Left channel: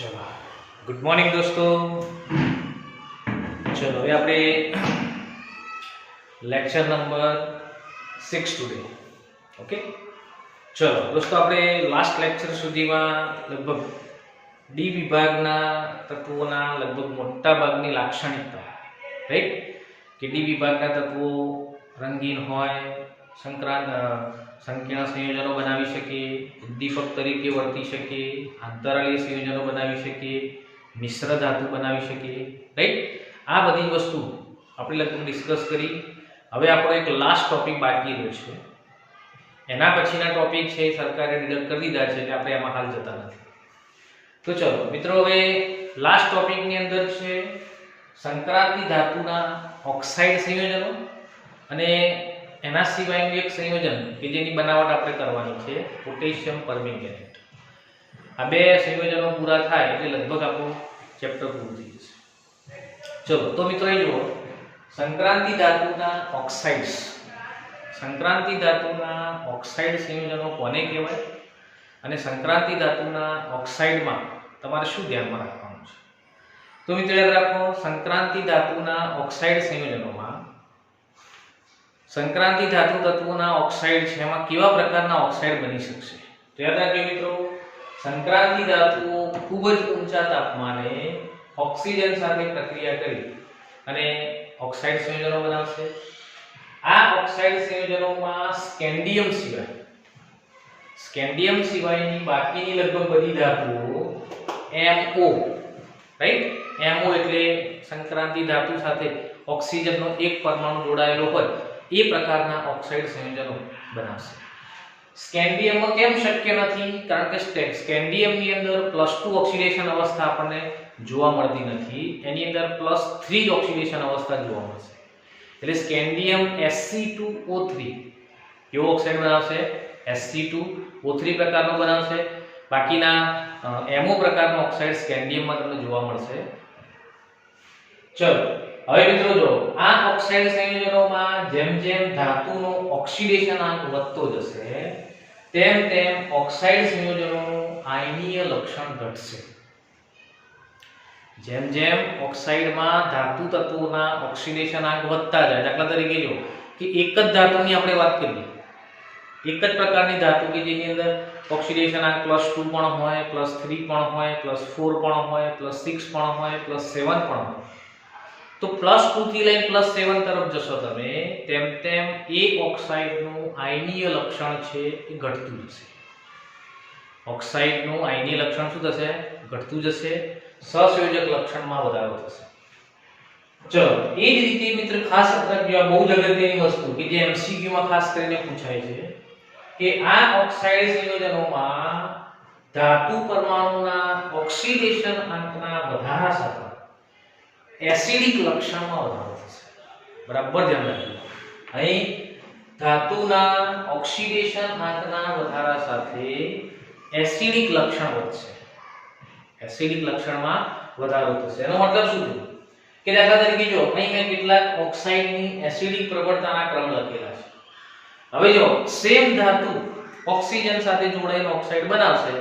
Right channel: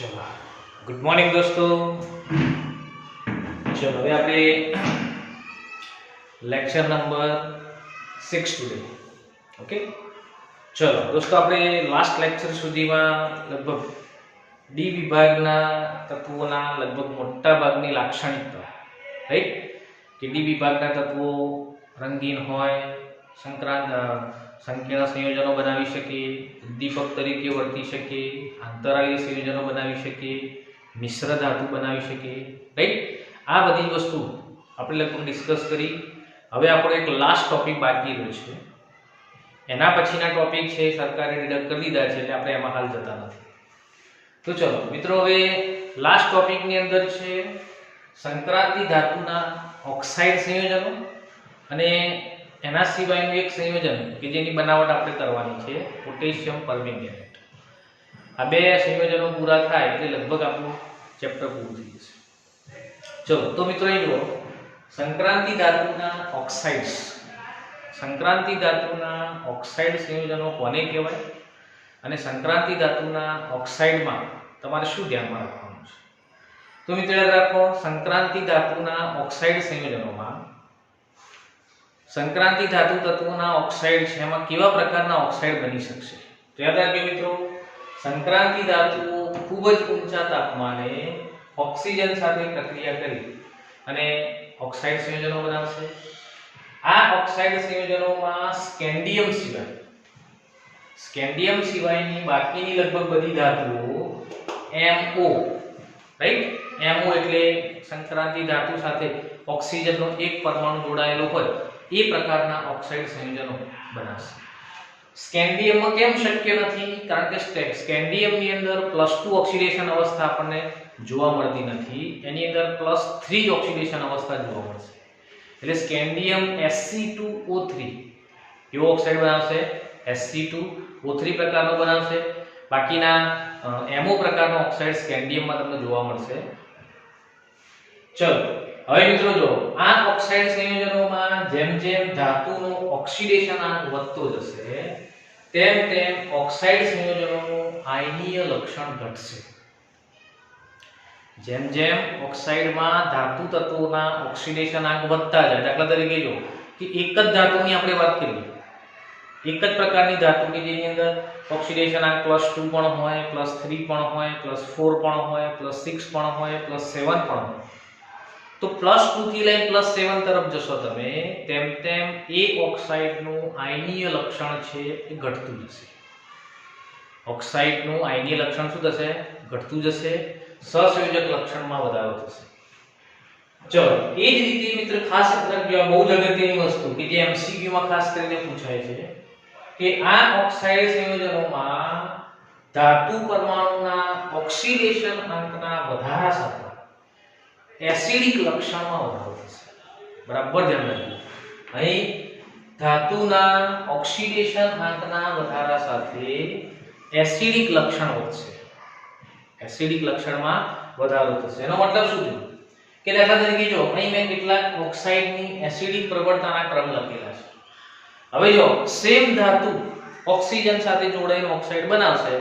चलो good morning दोस्तों। चलो ये આપણે લેક્ચર નંબર 6 ટુડે ઓકે। ચલો દોસ્તો આપણે લાસ્ટ લેક્ચર સુધીમાં લગભગ ડી વિભાગના તત્વોના લગભગ મોટા ભાગની લાક્ષણિકતા રાઈટ કે ડી વિભાગના તત્વો રંગીન હોય, સંકીર્ણ સંયોજનો બનાવી શકે, ઉદ્દીપક તરીકે વર્તી શકે, આંતરાલીય સંયોજનો બનાવી શકે, મિશ્ર ધાતુ બનાવી શકે રાઈટ। આ બધી વસ્તુ આપણે લગભગ ડિસ્કસ કરી। હવે આપણો એક લાસ્ટ ટોપિક બાકી રહ્યો છે, એના પછીના ટોપિક છે સરકારે ડિડક્ટ કરી દીધા છે એટલે આપણે એમાં હાલ જતા નથી। તો ચલો મિત્રો, હવે લાસ્ટ ટોપિકની અંદર છે સંક્રાંતિ ધાતુના ઓક્સાઇડ સંયોજનો અને એના સિવાયનું એક સંયોજન કે જેની બનાવટ આપણે કરવાની છે પોટેશિયમ પરમેંગનેટ। આ બે સંયોજનો પૂરા થાય એટલે લગભગ આપણું ચેપ્ટર પૂરું થઈ જશે। ચલો તો મિત્રો એ જુઓ, સંક્રાંતિ ધાતુના ઓક્સાઇડ્સ, સંક્રાંતિ ધાતુના ઓક્સાઇડ સંયોજનો કોને કહેવાય અને સંક્રાંતિ ધાતુના ઓક્સાઇડમાં તમારે શું ધ્યાનમાં રાખવાનું છે? તો મિત્રો યાદ રાખો, સંક્રાંતિ ધાતુના ઓક્સાઇડ સંયોજનોમાં સંક્રાંતિ ધાતુ તત્વોના ઓક્સાઇડ છે એમાં કેવા પ્રકારના ઓક્સાઇડ બની શકશે? તો યાદ રાખજો મિત્રો, સંક્રાંતિ ધાતુઓ ખૂબ જ ઊંચા તાપમાને ઓક્સિજન સાથે પ્રક્રિયા કરી અને ઓક્સાઇડ સંયોજનો બનાવશે। આ ઓક્સાઇડ સંયોજનોમાં સ્કેન્ડિયમ સિવાયની બાકીની લગભગ બધી ધાતુઓ MO રાઈટ, MO એટલે સંક્રાંતિ ધાતુ સાથે ઓક્સિજનનો એક પરમાણુ જોડાયેલો હોય એ પ્રકારના ઓક્સાઇડ સંયોજનો બનાવશે। સ્કેન્ડિયમમાં કેમ શક્ય નથી? કારણ કે સ્કેન્ડિયમની અંદર +2 ઓક્સિડેશન અવસ્થા આપણને જોવા મળતી નથી, એની અંદર +3 જ ઓક્સિડેશન અવસ્થા જોવા મળશે। એટલે સ્કેન્ડિયમ Sc2O3 કેવો ઓક્સાઇડ બનાવશે? Sc2O3 પ્રકારનો બનાવશે। બાકીના MO પ્રકારનો ઓક્સાઇડ સ્કેન્ડિયમમાં તમને જોવા મળશે। ચલો હવે મિત્રો જો, આ ઓક્સાઇડ સંયોજનોમાં જેમ જેમ ધાતુનો ઓક્સિડેશનાંક વધતો જશે તેમ તેમ ઓક્સાઇડ સંયોજનોનું આયનીય લક્ષણ ઘટશે। જેમ જેમ ઓક્સાઇડમાં ધાતુ તત્વોના ઓક્સિડેશનાંક વધતા જાય, દાખલા તરીકે જો કે એક જ ધાતુની આપણે વાત કરીએ, એક જ પ્રકારની ધાતુ કે જેની અંદર ઓક્સિડેશનાંક +2 પણ હોય, +3 પણ હોય, +4 પણ હોય, +6 પણ હોય, +7 પણ હોય, તો +2 થી લઈને +7 તરફ જશો તમે તેમ તેમ એ ઓક્સાઇડનું આયનીય લક્ષણ છે એ ઘટતું જશે। ઓક્સાઇડનું આયનીય લક્ષણ શું થશે? ઘટતું જશે, સહસંયોજક લક્ષણમાં વધારો થશે। ચલો એ જ રીતે મિત્ર ખાસ રાખજો, આ બહુ જ અગત્યની વસ્તુ કે જે MCQ માં ખાસ કરીને પૂછાય છે કે આ ઓક્સાઇડ સંયોજનોમાં ધાતુ પરમાણુના ઓક્સિડેશન અંકના વધારા સાથે એસિડિક લક્ષણમાં વધારો થશે। બરાબર ધ્યાન રાખજો, અહીં ધાતુના ઓક્સિડેશન અંકના વધારા સાથે એસિડિક લક્ષણ વધશે, એસિડિક લક્ષણમાં વધારો થશે। એનો મતલબ શું થયો કે દાખલા તરીકે જો અહીં મેં કેટલાક ઓક્સાઇડની એસિડિક પ્રવણતાના ક્રમ લખેલા છે। હવે જો સેમ ધાતુ ઓક્સિજન સાથે જોડાઈને ઓક્સાઇડ બનાવશે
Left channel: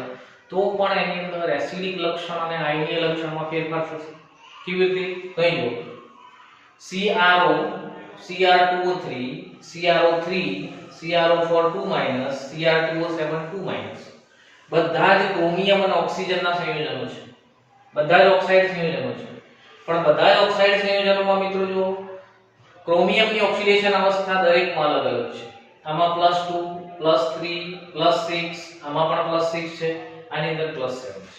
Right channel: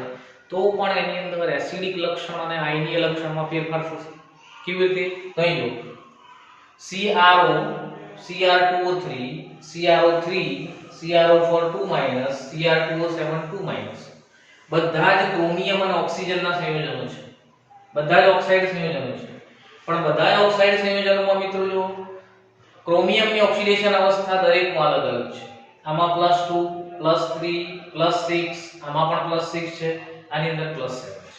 તો પણ એની અંદર એસિડિક લક્ષણ અને આયનીય લક્ષણમાં ફેરફાર થશે। કેવી રીતે? કહી દો, CrO Cr2O3 CrO3 CrO4 2- Cr2O7 2- બધા જ ક્રોમિયમ અને ઓક્સિજનના સંયોજનો છે, બધા જ ઓક્સાઇડ સંયોજનો છે, પણ બધા જ ઓક્સાઇડ સંયોજનોમાં મિત્રો જો ક્રોમિયમની ઓક્સિડેશન અવસ્થા દરેકમાં અલગ અલગ છે। આમાં +2 +3 +6, આમાં પણ +6 છે, આની અંદર +7 છે।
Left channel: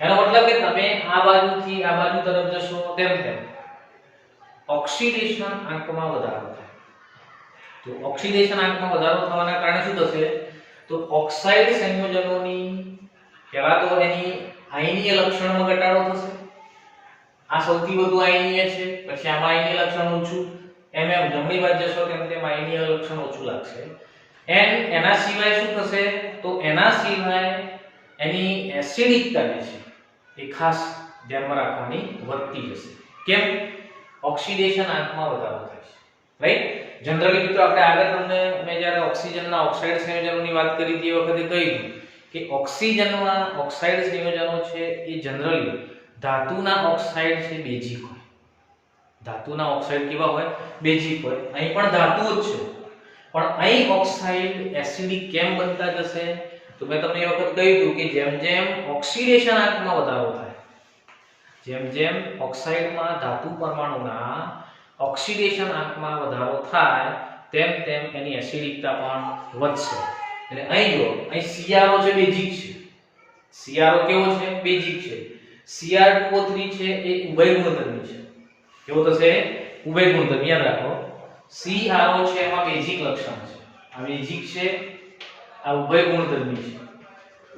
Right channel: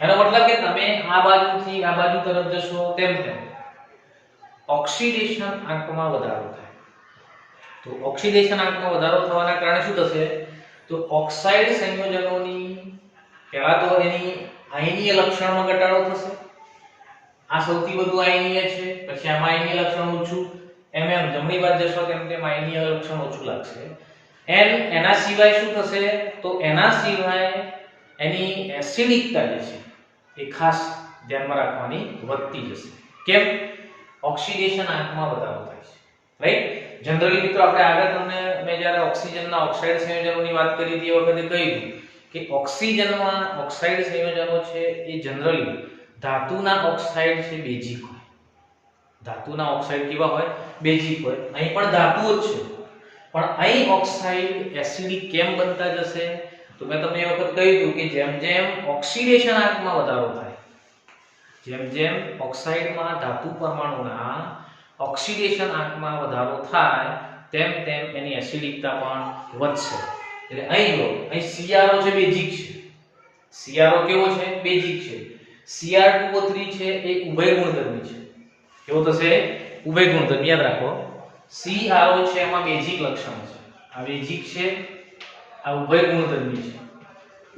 એનો મતલબ કે તમે આ બાજુથી આ બાજુ તરફ જશો તેમ તેમ ઓક્સિડેશન આંકમાં વધારો થાય। તો ઓક્સિડેશન આંકમાં વધારો થવાના કારણે શું થશે? તો ઓક્સાઇડ સંયોજનોની પહેલા તો એની આયનીય લક્ષણમાં ઘટાડો થશે, આ સૌથી વધુ આયનીય છે, પછી આમાં આયનીય લક્ષણ ઓછું, એમ જમણી બાજુ જશો તેમ તેમ આયનીય લક્ષણ ઓછું લાગશે। એના સિવાય શું થશે? તો એના સિવાય એની એસિડિકતા જે છે એ ખાસ ધ્યાનમાં રાખવાની વધતી જશે। કેમ? ઓક્સિડેશન આંકમાં વધારો થાય છે રાઈટ। જનરલી મિત્રો આપણે આગળ તમને મેં જ્યારે ઓક્સિજનના ઓક્સાઇડ સંયોજનોની વાત કરી હતી એ વખતે કહ્યું કે ઓક્સિજનમાં ઓક્સાઇડ સંયોજનો છે એ જનરલી ધાતુના ઓક્સાઇડ છે બેઝિક હોય. ધાતુના ઓક્સાઇડ કેવા હોય? બેઝિક હોય. અહીં પણ ધાતુઓ જ છે, પણ અહીં ઓક્સાઇડ એસિડિક કેમ બનતા જશે? તો મેં તમને એ વખત કહ્યું કે જેમ જેમ ઓક્સિડેશન આંકમાં વધારો થાય, જેમ જેમ ઓક્સાઇડમાં ધાતુ પરમાણુના ઓક્સિડેશન આંકમાં વધારો થાય તેમ તેમ એની એસિડિકતા પણ વધશે. એટલે અહીં જો અહીં CrO છે બેઝિક છે. CrO કેવો છે? બેઝિક છે. Cr2O3 છે એ ઉભય ગુણધર્મી છે. કેવો થશે? ઉભય ગુણધર્મી. યાદ રાખો, CrO છે એમાં બેઝિક લક્ષણ છે. આ બેઝિક છે, આ ઉભય ગુણધર્મી છે.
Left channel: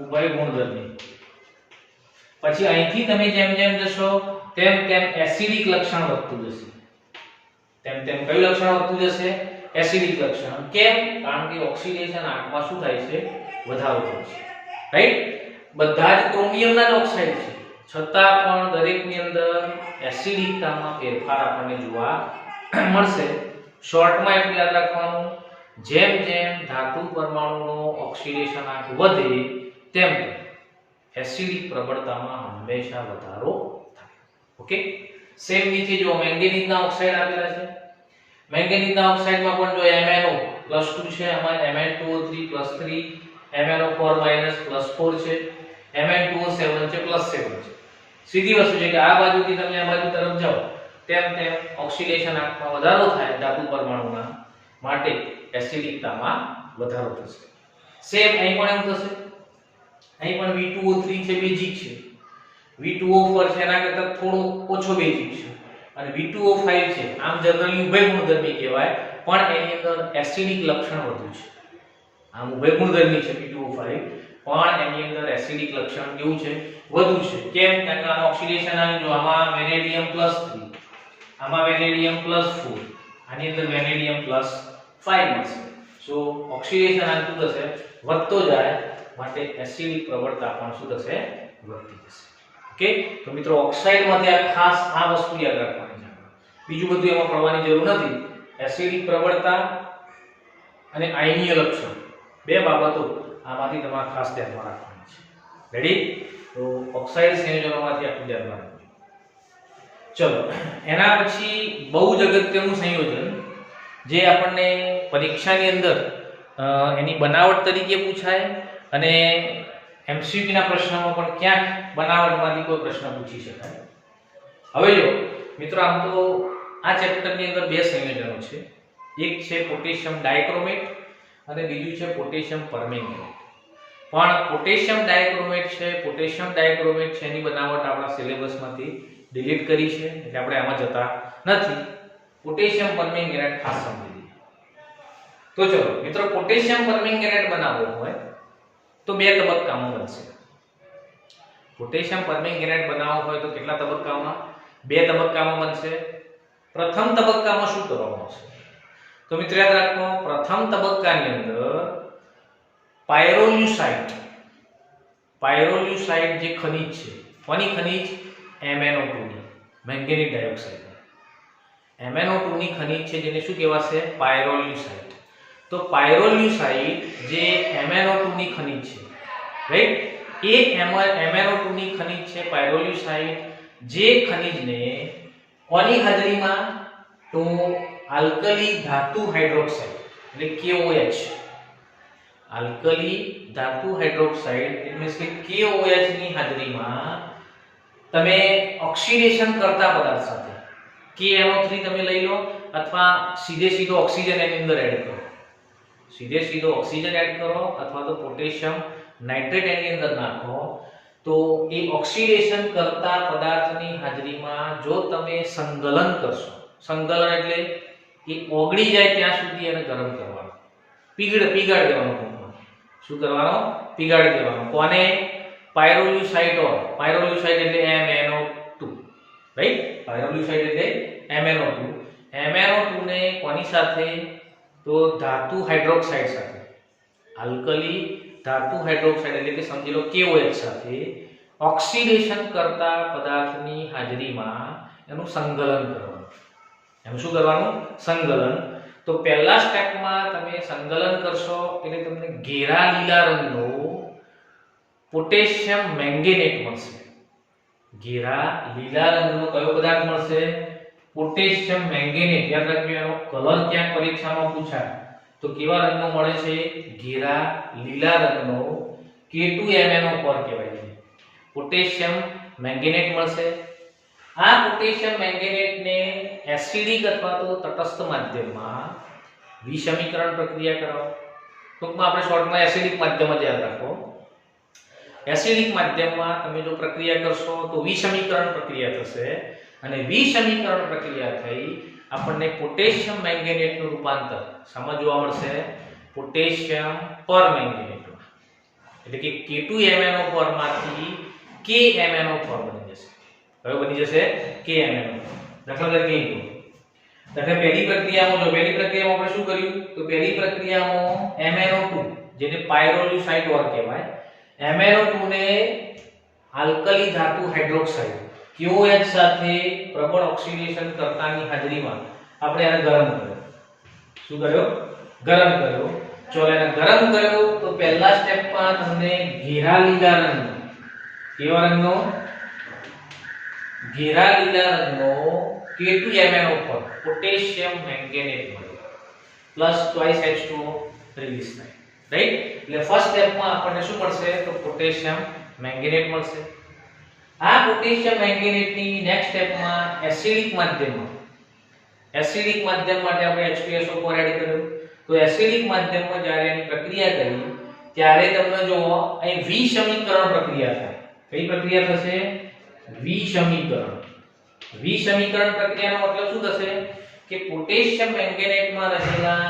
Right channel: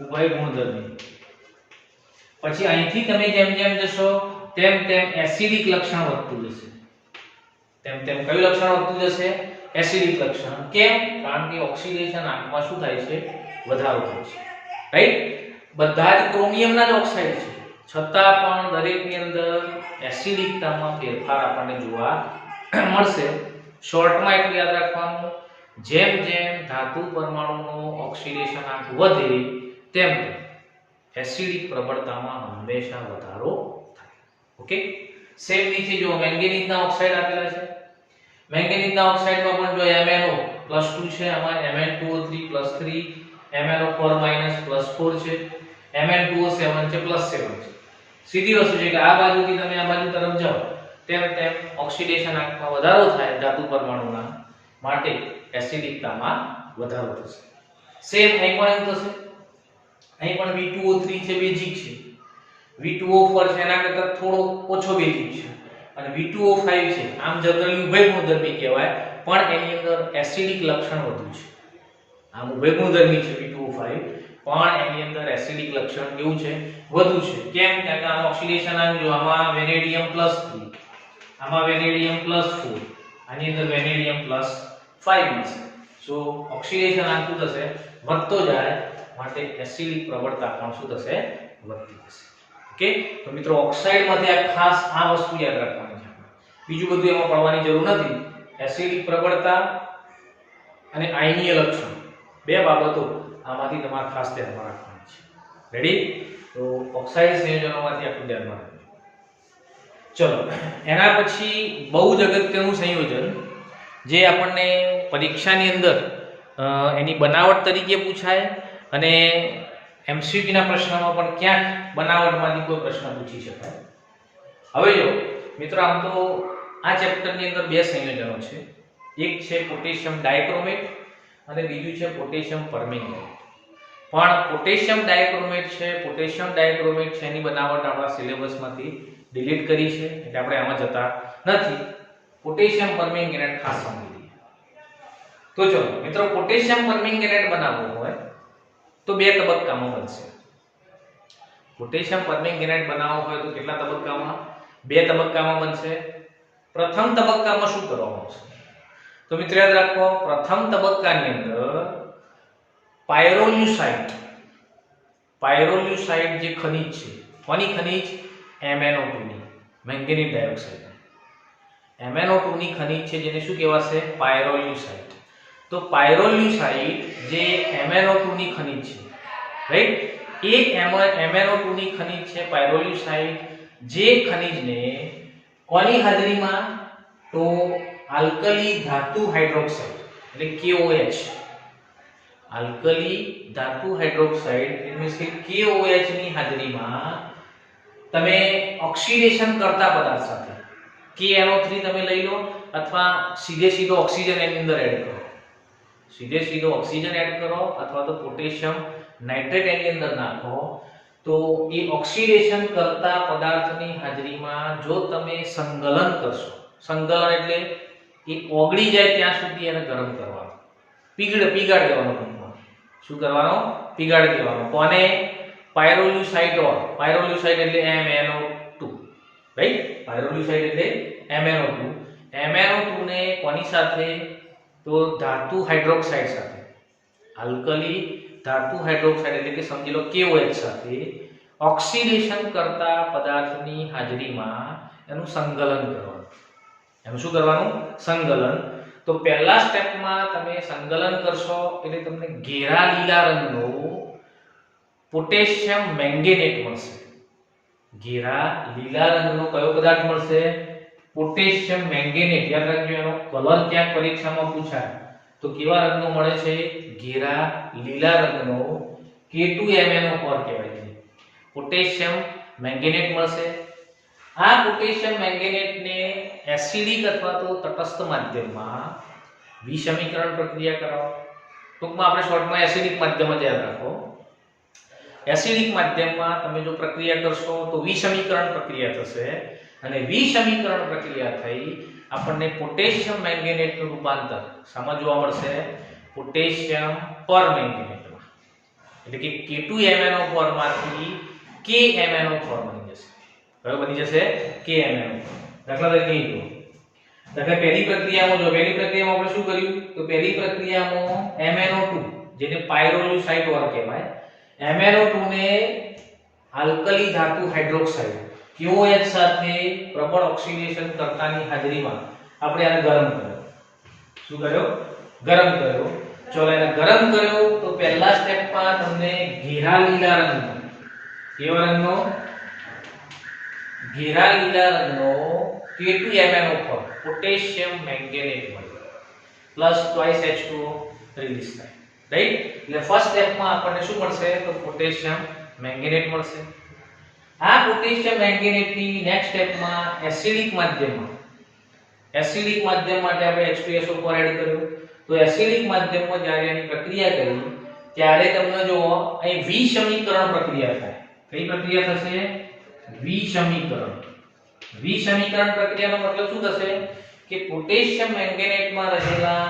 ઉભય ગુણધર્મી. પછી અહીંથી તમે જેમ જેમ જશો તેમ તેમ એસિડિક લક્ષણ વધતું જશે. તેમ તેમ કયું લક્ષણ વધતું જશે? એસિડિક લક્ષણ. કેમ? કારણ કે ઓક્સિડેશન આંકમાં શું થાય છે? વધારો થાય છે. રાઈટ? બધા જ ક્રોમિયમના જ ઓક્સાઇડ છે, છતાં પણ દરેકની અંદર એસિડિકતામાં ફેરફાર આપણને જોવા મળશે. શોર્ટમાં એટલું યાદ રાખવાનું, જેમ જેમ ધાતુ પરમાણુનો ઓક્સિડેશન આંક વધે તેમ એસિડિક પ્રબળતામાં હંમેશા વધારો થાય. ઓકે? સેમ નીચે જો મેંગેનીઝના ઓક્સાઇડ આપેલા છે. મેંગેનીઝના ઓક્સાઇડમાં પણ જો MnO +2 છે, આમાં Mn2O3 +3, MnO4 +4 છે, Mn2O7 છે +7 છે. સીધી વસ્તુ છે કે આ બાજુથી તમે આ બાજુ તરફ જાઓ તેમ તેમ ઓક્સિડેશન આંકમાં વધારો થાય ધાતુ પરમાણુના, માટે એસિડિકતામાં વધારો થશે. સેમ અહીં પણ એમ થશે. અહીં પણ V2O3 છે બેઝિક છે, V2O4 છે એના કરતાં થોડો ઓછો બેઝિક છે, અને V2O5 છે આમ જનરલી ઉભય ગુણધર્મી કહેવાય, પણ એની અંદર એસિડિક લક્ષણ વધુ છે. આમ ઉભય ગુણધર્મી છે V2O5, પણ એની અંદર એસિડિક લક્ષણ કેવું છે? વધુ છે. કેમ? કારણ કે આમાં ઓક્સિડેશન આંક જો આમાં વેનેડિયમ +3, આમાં વેનેડિયમ +4, આની અંદર વેનેડિયમ +5 મળશે. સો ઓક્સિડેશન આંક શું થશે? વધતો જાય, માટે એસિડિક પ્રબળતા પણ શું થશે? વધતી જશે. ઓકે? તો મિત્રો ઓક્સાઇડમાંથી આ ખાસ આ વસ્તુ યાદ રાખવાની છે. બીજું બધું એમાં પડવાની જરૂર નથી. એસિડિક પ્રબળતા અને આયનીય લક્ષણ, બે બાબતો આમાંથી તમારે ખાસ ધ્યાનમાં રાખવાની છે. રેડી? તો ઓક્સાઇડ સંયોજનોમાંથી આપણું ધ્યાનમાં રાખજો. ચલો, એના પછી બહુ જ અગત્યનું સંયોજન જે આપણને પરીક્ષાની અંદર એની બનાવટ તરીકે પૂછાય, અને MCQ ના પ્રશ્નમાં પણ ક્યાંક બનાવટમાંથી કોઈ પ્રશ્ન પૂછી શકાય. હવે જો મિત્રો, આમ તો આ ચેપ્ટરની અંદર બે સંયોજનો છે. એક છે પોટેશિયમ ડાયક્રોમેટ અને બીજું છે પોટેશિયમ પરમેંગેનેટ. પણ પોટેશિયમ ડાયક્રોમેટ છે એની બનાવટ આપણા સિલેબસમાંથી ડિલીટ કરી છે, એટલે આપણે આમાં જતા નથી. પોટેશિયમ પરમેંગેનેટ ખાસ સમજી લઈએ. તો ચલો મિત્રો, પોટેશિયમ પરમેંગેનેટ બનાવવો હોય તો બે તબક્કામાં બનશે. પોટેશિયમ પરમેંગેનેટ બનાવવો હોય તો કેટલા તબક્કામાં? બે તબક્કામાં બનશે. પ્રથમ તબક્કામાં શું કરવામાં આવશે? તો મિત્રો યાદ રાખો, પ્રથમ તબક્કાની અંદર પાયરોલ્યુસાઇડ જે ખનિજ છે, કોની ખનિજ? MnO2 ની, મેંગેનીઝ ડાયોક્સાઇડ. MnO2 ની ખનિજ છે જેને શું કહેવાશે? પાયરોલ્યુસાઇડ. તો પાયરોલ્યુસાઇડ જે MnO2 ની ખનિજ છે, રાઈટ? એ MnO2 ની ખનિજ છે પાયરોલ્યુસાઇડ, જે ખનિજને કોની હાજરીમાં? તો આલ્કલી ધાતુ હાઇડ્રોક્સાઇડ એટલે KOH, આલ્કલી ધાતુ હાઇડ્રોક્સાઇડ એટલે કે KOH ની હાજરીમાં તમે ઓક્સિડેશન કરતા પદાર્થ સાથે KNO3 તમે લઈ લો, અથવા સીધો ઓક્સિજન એની અંદર એડ કરો. સીધો ઓક્સિજન એડ કરો, અથવા તો પોટેશિયમ નાઇટ્રેટ એની અંદર નાખો. તો એ ઓક્સિડેશન કરતા પદાર્થની હાજરીમાં જો તમે સંકલન કરશો, સંકલન એટલે એ ઓગળી જાય ત્યાં સુધી એને ગરમ કરવાનો, પીગાડ દેવાનો ટૂંકમાં. શું કરવાનો? પીગાડી દેવાનો. કોને? પાયરોલ્યુસાઇડ એટલે MnO2, રાઈટ? પાયરોલ્યુસાઇડ એટલે MnO2. MnO2 ને કોની સાથે? તો ધાતુ હાઇડ્રોક્સાઇડ સાથે, આલ્કલી ધાતુ હાઇડ્રોક્સાઇડ એટલે કે સમજી લો KOH સાથે ઓક્સિડેશન કરતા પદાર્થની હાજરીમાં એનું સંકલન કરવાનું. એનું શું કરવાનું? સંકલન. તો પહેલા સ્ટેપમાં તમે સંકલન કરશો એટલે તમને ઘેરા લીલા રંગનો પોટેશિયમ મેંગેનેટ મળશે. ઘેરા લીલા રંગનો કયો પદાર્થ મળશે? પોટેશિયમ મેંગેનેટ. યાદ રાખજો, એનો કલર ક્યાંક પરીક્ષામાં પૂછાય તો કેવા રંગનો મળે છે? ઘેરા લીલા રંગનો K2MnO4 કહેવાય છે. પોટેશિયમ મેંગેનેટ મળશે. આ પોટેશિયમ મેંગેનેટને એસિડિક અથવા તો તટસ્થ માધ્યમમાં વિસમીકરણ પ્રક્રિયા કરાવો. ટૂંકમાં આપણે શોર્ટમાં એસિડિક માધ્યમ જ યાદ રાખો. એસિડિક માધ્યમમાં તમે જો પ્રક્રિયા કરશો તો વિસમીકરણ પ્રક્રિયા થશે અને વિસમીકરણ પ્રક્રિયા થઈ આપણને પોટેશિયમ મેંગેનેટનું રૂપાંતર શામાં જોવા મળશે? પોટેશિયમ પરમેંગેનેટમાં. એટલે કે K2MnO4 માંથી KMnO4 બની જશે. કયો બની જશે? KMnO4. દાખલા તરીકે જો પહેલી પ્રક્રિયામાં આપણે શું કર્યું? તો પહેલી પ્રક્રિયામાં MnO2 જેને પાયરોલ્યુસાઇડ ઓર કહેવાય, MnO2 ને આલ્કલી ધાતુ હાઇડ્રોક્સાઇડ KOH સાથે પ્રબળ ઓક્સિડેશન કરતાની હાજરીમાં આપણે આને ગરમ કર્યો. શું કર્યો? ગરમ કર્યો. ચલો એને ગરમ કર્યો તો પહેલા સ્ટેપમાં તમને ઘેરા લીલા રંગનો, કેવા રંગનો? ઘેરા લીલા રંગનો K2MnO4 પોટેશિયમ મેંગેનેટ મળ્યો પ્લસ ટ્વાઇસ H2O રિલીઝ થાય. રાઈટ? એટલે ફર્સ્ટ સ્ટેપમાં આપણને શું મળશે? તો પોટેશિયમ મેંગેનેટ મળશે. આ પોટેશિયમ મેંગેનેટની નેક્સ્ટ સ્ટેપમાં એસિડિક માધ્યમ માટે આપણે H2SO4 એડ કર્યો. તો એસિડિક માધ્યમમાં જ્યારે એની પ્રક્રિયા કરી ત્યારે તમને જો અહીં વિસમીકરણ પ્રક્રિયા થાય. કઈ પ્રક્રિયા થશે? વિસમીકરણ. વિસમીકરણ પ્રક્રિયાનો મતલબ શું થશે? કે પોટેશિયમ મેંગેનેટમાં રહેલા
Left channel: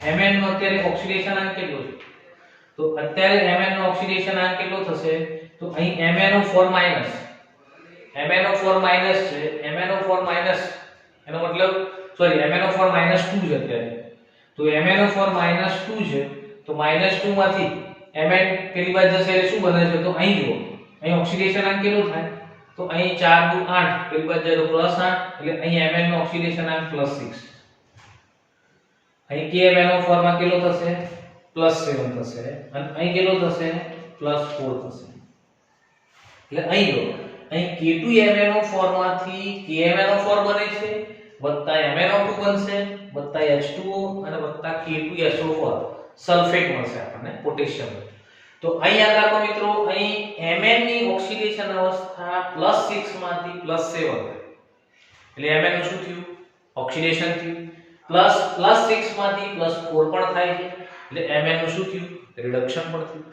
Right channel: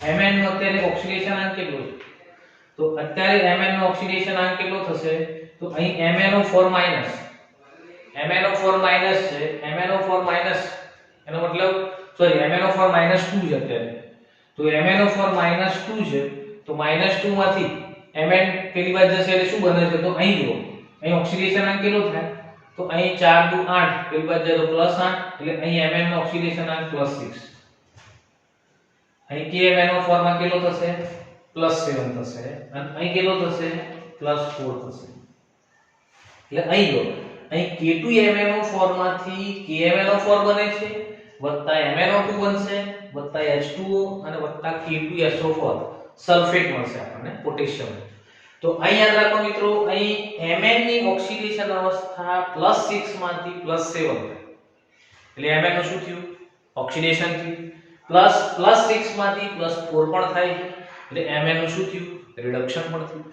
Mn નું અત્યારે ઓક્સિડેશન અંક કેટલો છે? તો અત્યારે Mn નો ઓક્સિડેશન અંક કેટલો થશે? તો અહીં MnO4 માઈનસ છે. MnO4 માઈનસ એનો મતલબ MnO4 માઈનસ 2 છે અત્યારે. તો MnO4 માઈનસ 2 છે તો માઈનસ 2 માંથી Mn પેલી બાજુ જશે એટલે શું બને છે? તો અહીં જુઓ, અહીં ઓક્સિડેશન અંક કેટલો થાય? તો અહીં 4 2 8 પેલી બાજુ જાય તો +8 એટલે અહીં Mn નો ઓક્સિડેશન અંક +6. અહીં KMnO4 માં કેટલો થશે? +7 થશે અને અહીં કેટલો થશે? +4 થશે. એટલે અહીં જો અહીં K2MnO4 માંથી KMnO4 બને છે વત્તા MnO2 બનશે વત્તા H2O અને વત્તા K2SO4 સલ્ફેટ મળશે આપણને પોટેશિયમ. તો અહીં યાદ રાખો મિત્રો, અહીં Mn ની ઓક્સિડેશન અવસ્થા +6 માંથી +7 થાય. એટલે Mn નું શું થયું? ઓક્સિડેશન થયું. +6 માંથી +4 પણ થાય છે એટલે Mn નું શું થયું? રિડક્શન પણ થયું.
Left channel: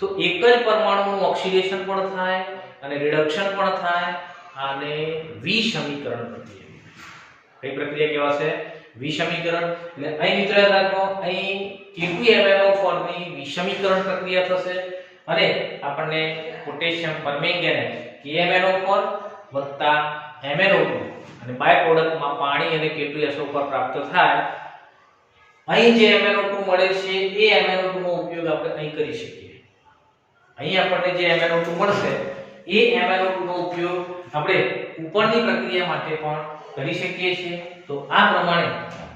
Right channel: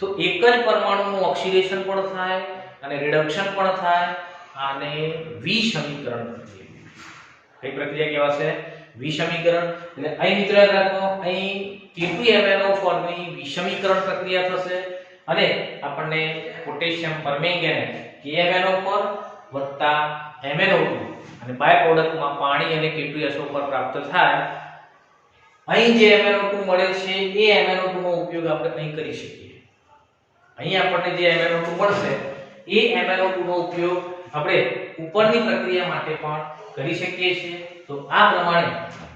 તો એક જ પરમાણુનું ઓક્સિડેશન પણ થાય અને રિડક્શન પણ થાય. આને વિસમીકરણ પ્રક્રિયા. કઈ પ્રક્રિયા કહેવાશે? વિસમીકરણ. એટલે અહીં મિત્રો યાદ રાખો, અહીં K2MnO4 ની વિસમીકરણ પ્રક્રિયા થશે અને આપણને પોટેશિયમ પરમેંગેનેટ KMnO4 વત્તા MnO2 અને બાય પ્રોડક્ટમાં પાણી અને K2SO4 પ્રાપ્ત થાય. અહીં જે MnO2 મળે છે એ MnO2 નો ઉપયોગ આપણે અહીં કરી શકીએ. અહીં આપણને જે MnO2 મળશે એ MnO2 નો ઉપયોગ આપણે ઉપરની પ્રક્રિયા માટે પણ કરી શકીએ છીએ. તો આ પ્રમાણે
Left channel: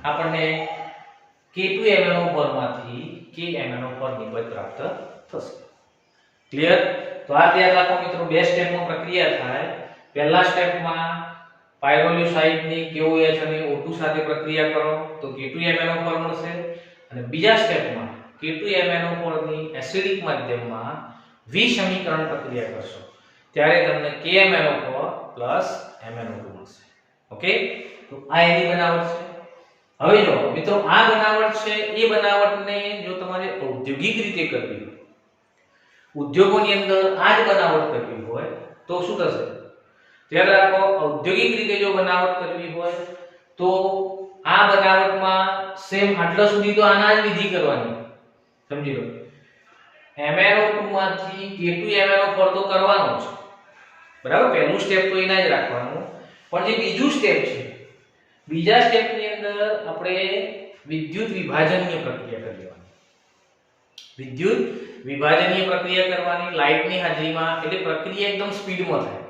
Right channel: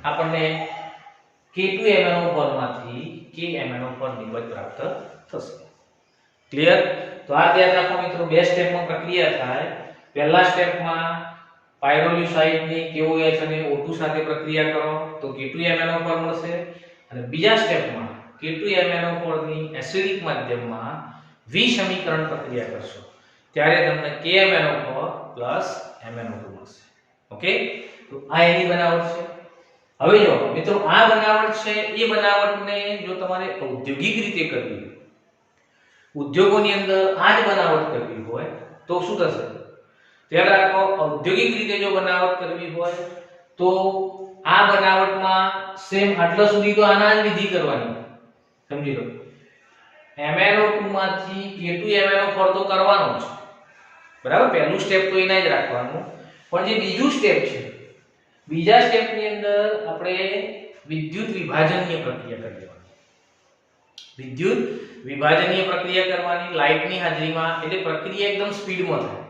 આપણને K2MnO4 માંથી KMnO4 નિર્વચ પ્રાપ્ત થશે. ક્લિયર? તો આ યાદ રાખો મિત્રો, બે સ્ટેપમાં પ્રક્રિયા થાય. પહેલા સ્ટેપમાં પાયરોલ્યુસાઇડની KOH અને O2 સાથે પ્રક્રિયા કરો તો K2MnO4 મળશે અને બીજા સ્ટેપમાં K2MnO4 ની એસિડિક માધ્યમમાં વિસમીકરણ પ્રક્રિયા કરશો ત્યારે તમને KMnO4 MnO2 મળશે. ઓકે? તો આ એની બનાવટ છે. હવે જો મિત્રો, આ બનાવટ છે એ બનાવટને જો તમારે ઔદ્યોગિક રીતે કરવી હોય, ઉદ્યોગોની અંદર આ જ બનાવટ કરવી હોય તો શું થશે? ધ્યાન રાખો, ઔદ્યોગિક રીતે જો બનાવટ કરવી હોય તો આ બનાવટમાં સેમ આટલા સુધી તો આના જ વિધિ કરવાની. સમજી લો, MnO2 માંથી K2MnO4 તો કરવાનો છે, બરાબર? પહેલું સ્ટેપ તો એના જ રાખવાનું. પણ જે બીજું સ્ટેપ છે, બીજા સ્ટેપની અંદર આપણે વિદ્યુત વિભાજનીય પ્રક્રિયા કરવાની. વિદ્યુત વિભાજનીય પ્રક્રિયા કરવાની લાઇટની હાજરીમાં. એટલે પ્રક્રિયા એકદમ સ્પીડમાં થાય.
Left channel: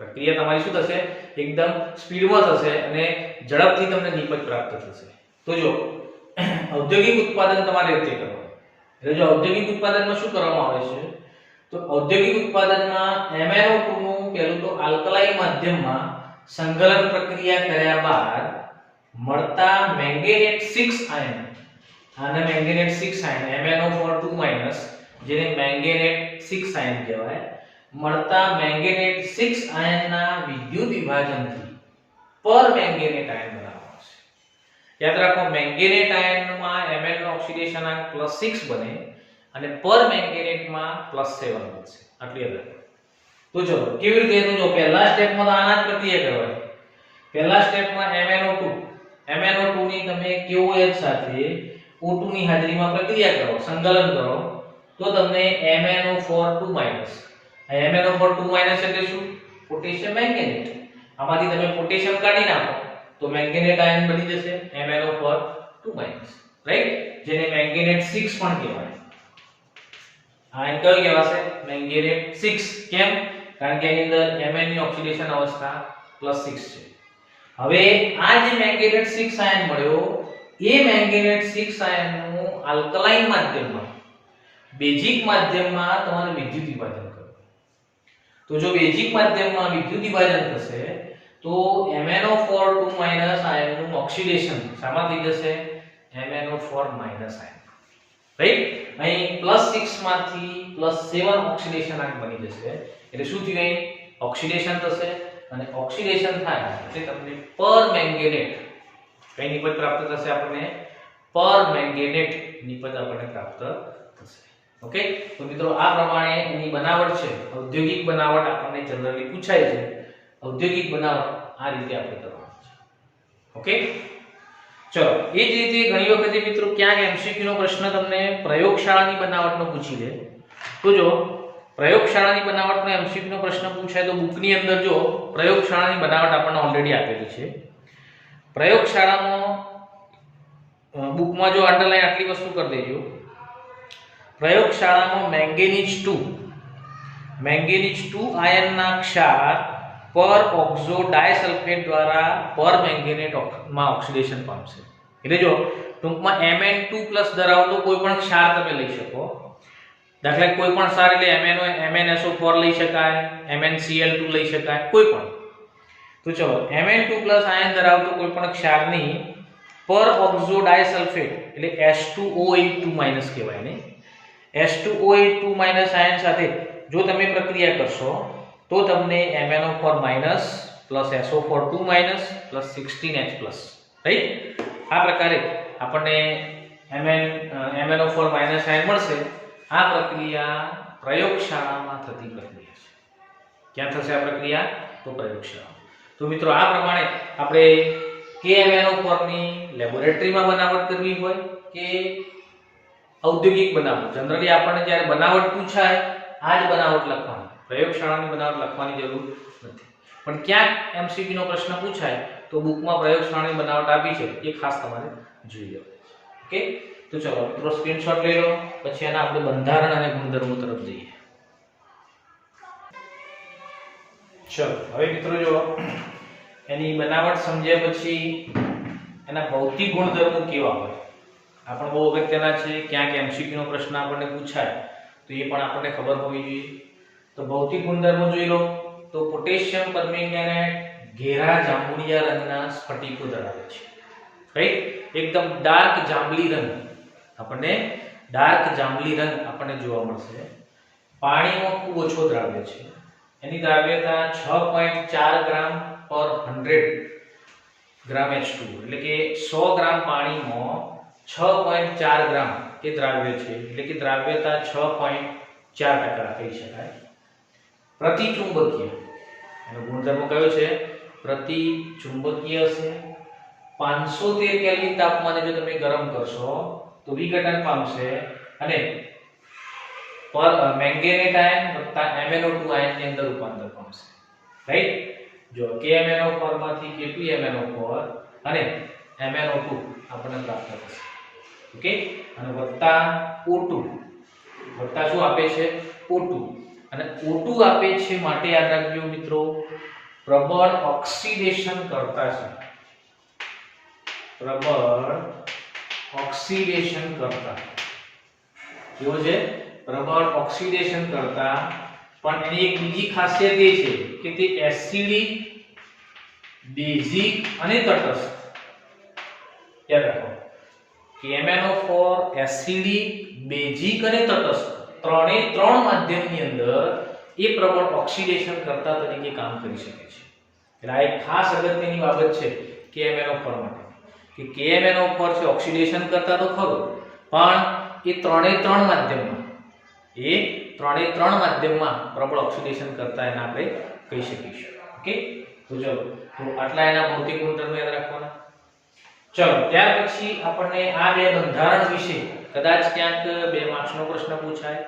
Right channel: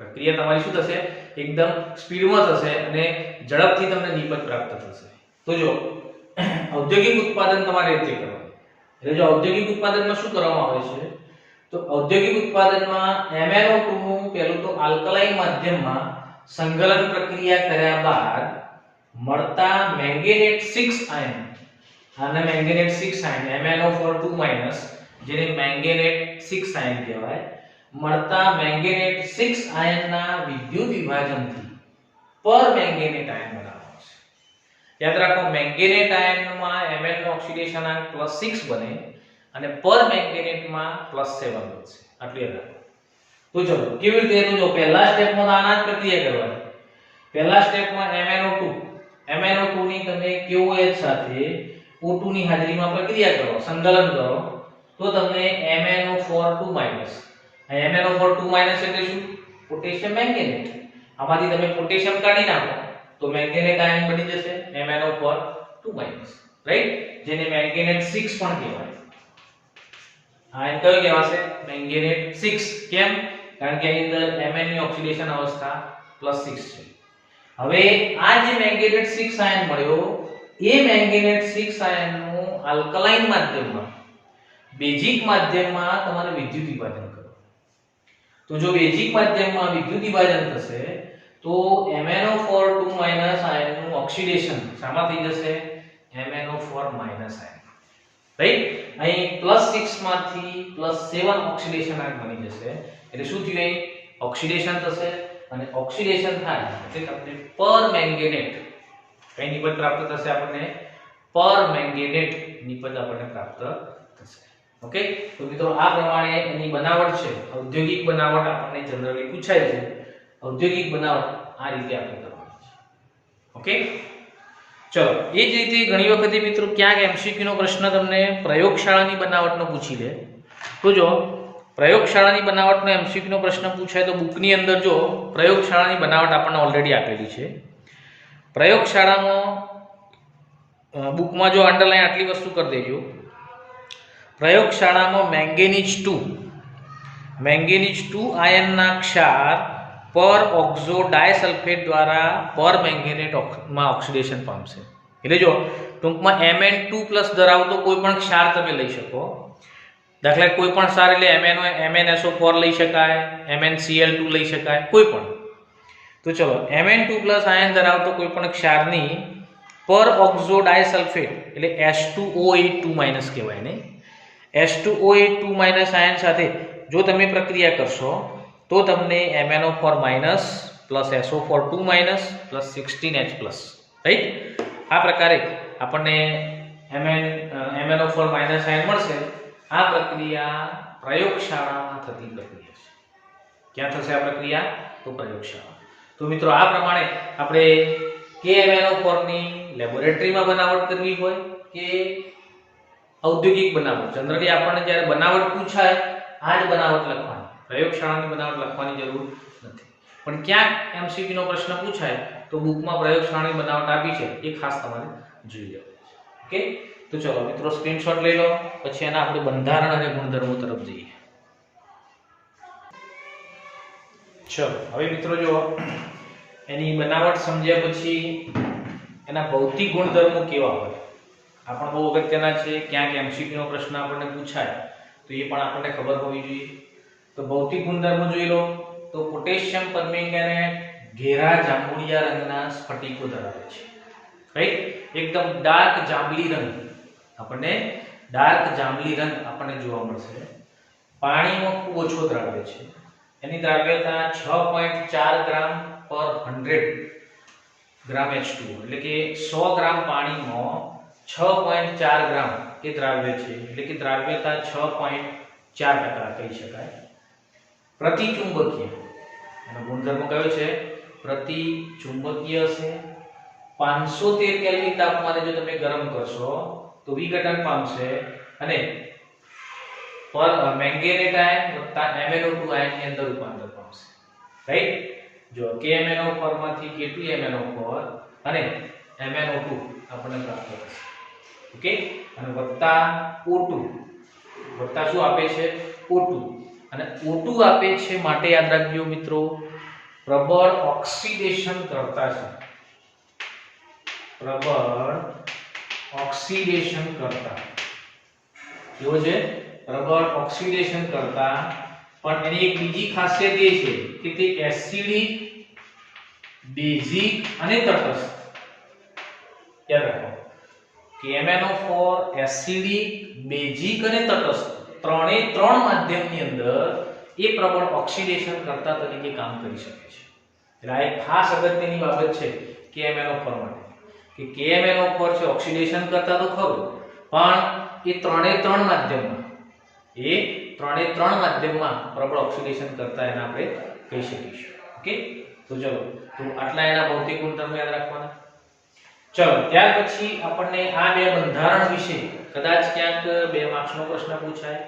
પ્રક્રિયા તમારી શું થશે? એકદમ સ્પીડમાં થશે અને ઝડપથી તમને નિપજ પ્રાપ્ત થશે. તો જો ઔદ્યોગિક ઉત્પાદન તમારે રીતે કરવાનું. એટલે જો ઔદ્યોગિક ઉત્પાદનમાં શું કરવામાં આવે છે તો ઔદ્યોગિક ઉત્પાદનમાં MnO2 નું પહેલું તો આલ્કલાઇન માધ્યમમાં સંકલન પ્રક્રિયા કર્યા બાદ મળતા મેંગેનેટ 6 આયન, આને મેંગેનેટ 6 આયન MnO4 જેને મેંગેનેટ 6 આયન કહેવાય, મળતા મેંગેનેટ 6 આયનના વિદ્યુત વિભાજનથી પર મેંગેનેટ આયન બનાવવામાં છે. યાદ રાખો મેંગેનેટ આયનમાં Mn નો ઓક્સિડેશનાંક +6 બને અને પર મેંગેનેટમાં +7 બનશે. આટલું યાદ રાખો. તો ચલો કેવી રીતે તો જો પહેલા સ્ટેપમાં તો આના જ પ્રક્રિયા કરવાની. પહેલા સ્ટેપમાં MnO2 ની તમે KOH સાથે O2 ની હાજરીમાં પ્રક્રિયા કરો, સંકલન કરો તો તમને MnO4 આ MnO4 એટલે શું? પોટેશિયમ મેંગેનેટ. આમાંથી તમે પોટેશિયમ કાઢી નાખો તો મેંગેનેટ આયન બની જશે MnO4 રાઈટ, જેને મેંગેનેટ 6 પણ કહેવાય. આયન કયો કહેવાશે? મેંગેનેટ 6. કેમ? કારણ કે એની અંદર Mn ની ઓક્સિડેશન અવસ્થા +6 છે. હવે આ જે મેંગેનેટ 6 આયન મળ્યો એ મેંગેનેટ 6 આયનનું આલ્કલાઇન માધ્યમમાં બેઝિક માધ્યમમાં તમારે વિદ્યુત વિભાજન કરવું. તો જો બેઝિક માધ્યમમાં વિદ્યુત વિભાજન થશે તો MnO4 આયનનું ઓક્સિડેશન શામાં થઈ જશે? MnO4 ion. રાઈટ, અહીં +6 માંથી +7 ઓક્સિડેશન આયન બની જશે. એટલે શું થયું? અહીં ઓક્સિડેશન થશે અને ઓક્સિડેશન થાય એટલે તમને પર મેંગેનેટ કઈ નિપજ પ્રાપ્ત થશે? આપણને પર મેંગેનેટ નિપજ આપણને પ્રાપ્ત થશે. ઓકે, તો મિત્રો આ પ્રમાણે એની બનાવટ છે, ઔદ્યોગિક બનાવટ આપણને જનરલી પૂછાય છે. ઔદ્યોગિક બનાવટ આ રીતે આપણે કરવાની છે. ઓકે, ચલો એ જ રીતે ઘણી વખતે મિત્રો ક્યાંક MCQ નો પ્રશ્ન તમને પ્રયોગશાળાની બનાવટનો પૂછી લે. તો જો પ્રયોગશાળાની બનાવટનો MCQ નો પ્રશ્ન પૂછાય તો બુકની અંદર જો પ્રયોગશાળાની બનાવટ આપણને ઓલરેડી આપેલી છે. પ્રયોગશાળામાં બુકમાં જો અંડરલાઈન આટલી વસ્તુ કરી દેજો. પ્રયોગશાળામાં મેંગેનીઝ 2 આયનના ક્ષાર પર ઓક્ઝો ડાયસલ્ફેટ દ્વારા પર મેંગેનેટ માં ઓક્સિડેશન પામશે. એટલે જો ટૂંકમાં Mn2+ ધરાવતો કોઈ પણ ક્ષાર તમે લઈ શકો. દાખલા કોઈ પણ ક્ષાર એટલે MnSO4 લઈ શકાય, MnCl2 લઈ શકાય, કોઈ પણ. તો ચલો Mn2+ આયન ધરાવતો કોઈ પણ ક્ષારની પર ઓક્ઝો ડાયસલ્ફેટ એટલે H2O8 કહેવાય ને, H2O8 આયન સાથે જો તમે પ્રક્રિયા કરશો તો તમને MnO4- SO4 16H+, રાઈટ. આ પ્રકારે આપણને MnO4- આયન મળશે. આ પ્રક્રિયા પ્રયોગશાળામાં થતી પ્રક્રિયા છે. ક્યાં થશે આ પ્રક્રિયા? તો પ્રયોગશાળામાં. તો મિત્રો આ પ્રમાણે આપણે કે MnO4 ની લેબોરેટરીમાં બનાવટ કરવી હોય કે ઔદ્યોગિક બનાવટ, જનરલી આપણને જ્યારે બનાવટ પૂછાય આ જ બનાવટ લખવાની, પ્રયોગશાળાની બનાવટ લખવાની જરૂર નથી. પણ ક્યાંક MCQ નો પ્રશ્ન પૂછાય તો બુકમાં પ્રયોગશાળાની બનાવટ આપી છે એ ખાસ તમારે જોઈ લેવું. ઓકે, તો ચલો મિત્રો સ્ક્રીનશોટ લઈ લો, પછી એના આપણે બંધારણ અને ગુણધર્મો તરફ જઈએ. ચલો હવે મિત્રો જો એની બનાવટ સમજ્યા પછી એના ભૌતિક ગુણધર્મો કેવા હોય આ પણ બહુ અગત્યના છે. ક્યાંક MCQ નો પ્રશ્ન આપણને પૂછાય તો એ પણ આપણને ખબર હોવી જોઈએ. તો ભૌતિક ગુણધર્મો જોઈ લો. તો પોટેશિયમ પરમેંગેનેટ ઘેરા જાંબુડિયા રંગના સ્ફટિકો ધરાવે છે. રાઈટ, એકદમ ડાર્ક જાંબલી રંગ આપણને જોવા મળશે. પાણીમાં ખૂબ ઓછો દ્રાવ્ય છે. એની દ્રાવ્યતા 6.4 ગ્રામ પર 100 ગ્રામ H2O એટલે કે 100 ગ્રામ પાણીમાં 6.4 ગ્રામ એ દ્રાવ્ય છે. એટલે કે દ્રાવ્યતા 6.4% કહી શકાય. પ્રતિચુંબકીય એનો ગુણધર્મ કયો છે? પ્રતિચુંબકીય છે. 513 કેલ્વિન તાપમાને જો તમે ગરમ કરશો તો વિઘટન પામશે અને પર મેંગેનેટ આયન વત્તા MnO2 આયનની અંદર રૂપાંતર પામશે. રાઈટ, જો KMnO4 માંથી K2MnO4 અને MnO2 આપણને પ્રાપ્ત થશે. ઓકે, અને વત્તા O2 વત્તા શું આપે છે? O2 અને O2 આપે છે માટે યાદ રાખજો મિત્રો પ્રબળ ઓક્સિડેશન કરતા છે. પ્રબળ ઓક્સિડેશન કરતા કેવો છે? પ્રબળ ઓક્સિડેશન કરતા, પણ એની એક બીજી ખાસિયત એ છે કે તે એસિડિક, બેઝિક અને તટસ્થ. યાદ રાખો કે MnO4 એસિડિક, બેઝિક અને તટસ્થ ત્રણે ત્રણ માધ્યમની અંદર એ પ્રબળ ઓક્સિડેશન કરતા તરીકે કામ કરી શકે છે. એટલે આ એક ખાસ અગત્યની બાબત છે KMnO4 માટે કે KMnO4 છે ઓક્સિડેશન કરતા તો ખરું, પણ એ ત્રણે ત્રણ માધ્યમમાં પ્રબળ ઓક્સિડેશન કરતા એને આપણે કહી શકીશું. ઓકે, તો ચલો, તો આટલા એના ભૌતિક ગુણધર્મો યાદ રાખવાના. ચલો, ત્યાર પછી આપણને આ બે બંધારણ વિશે કદાચ ક્યાંક 2 માર્ક્સનો પ્રશ્ન પૂછાય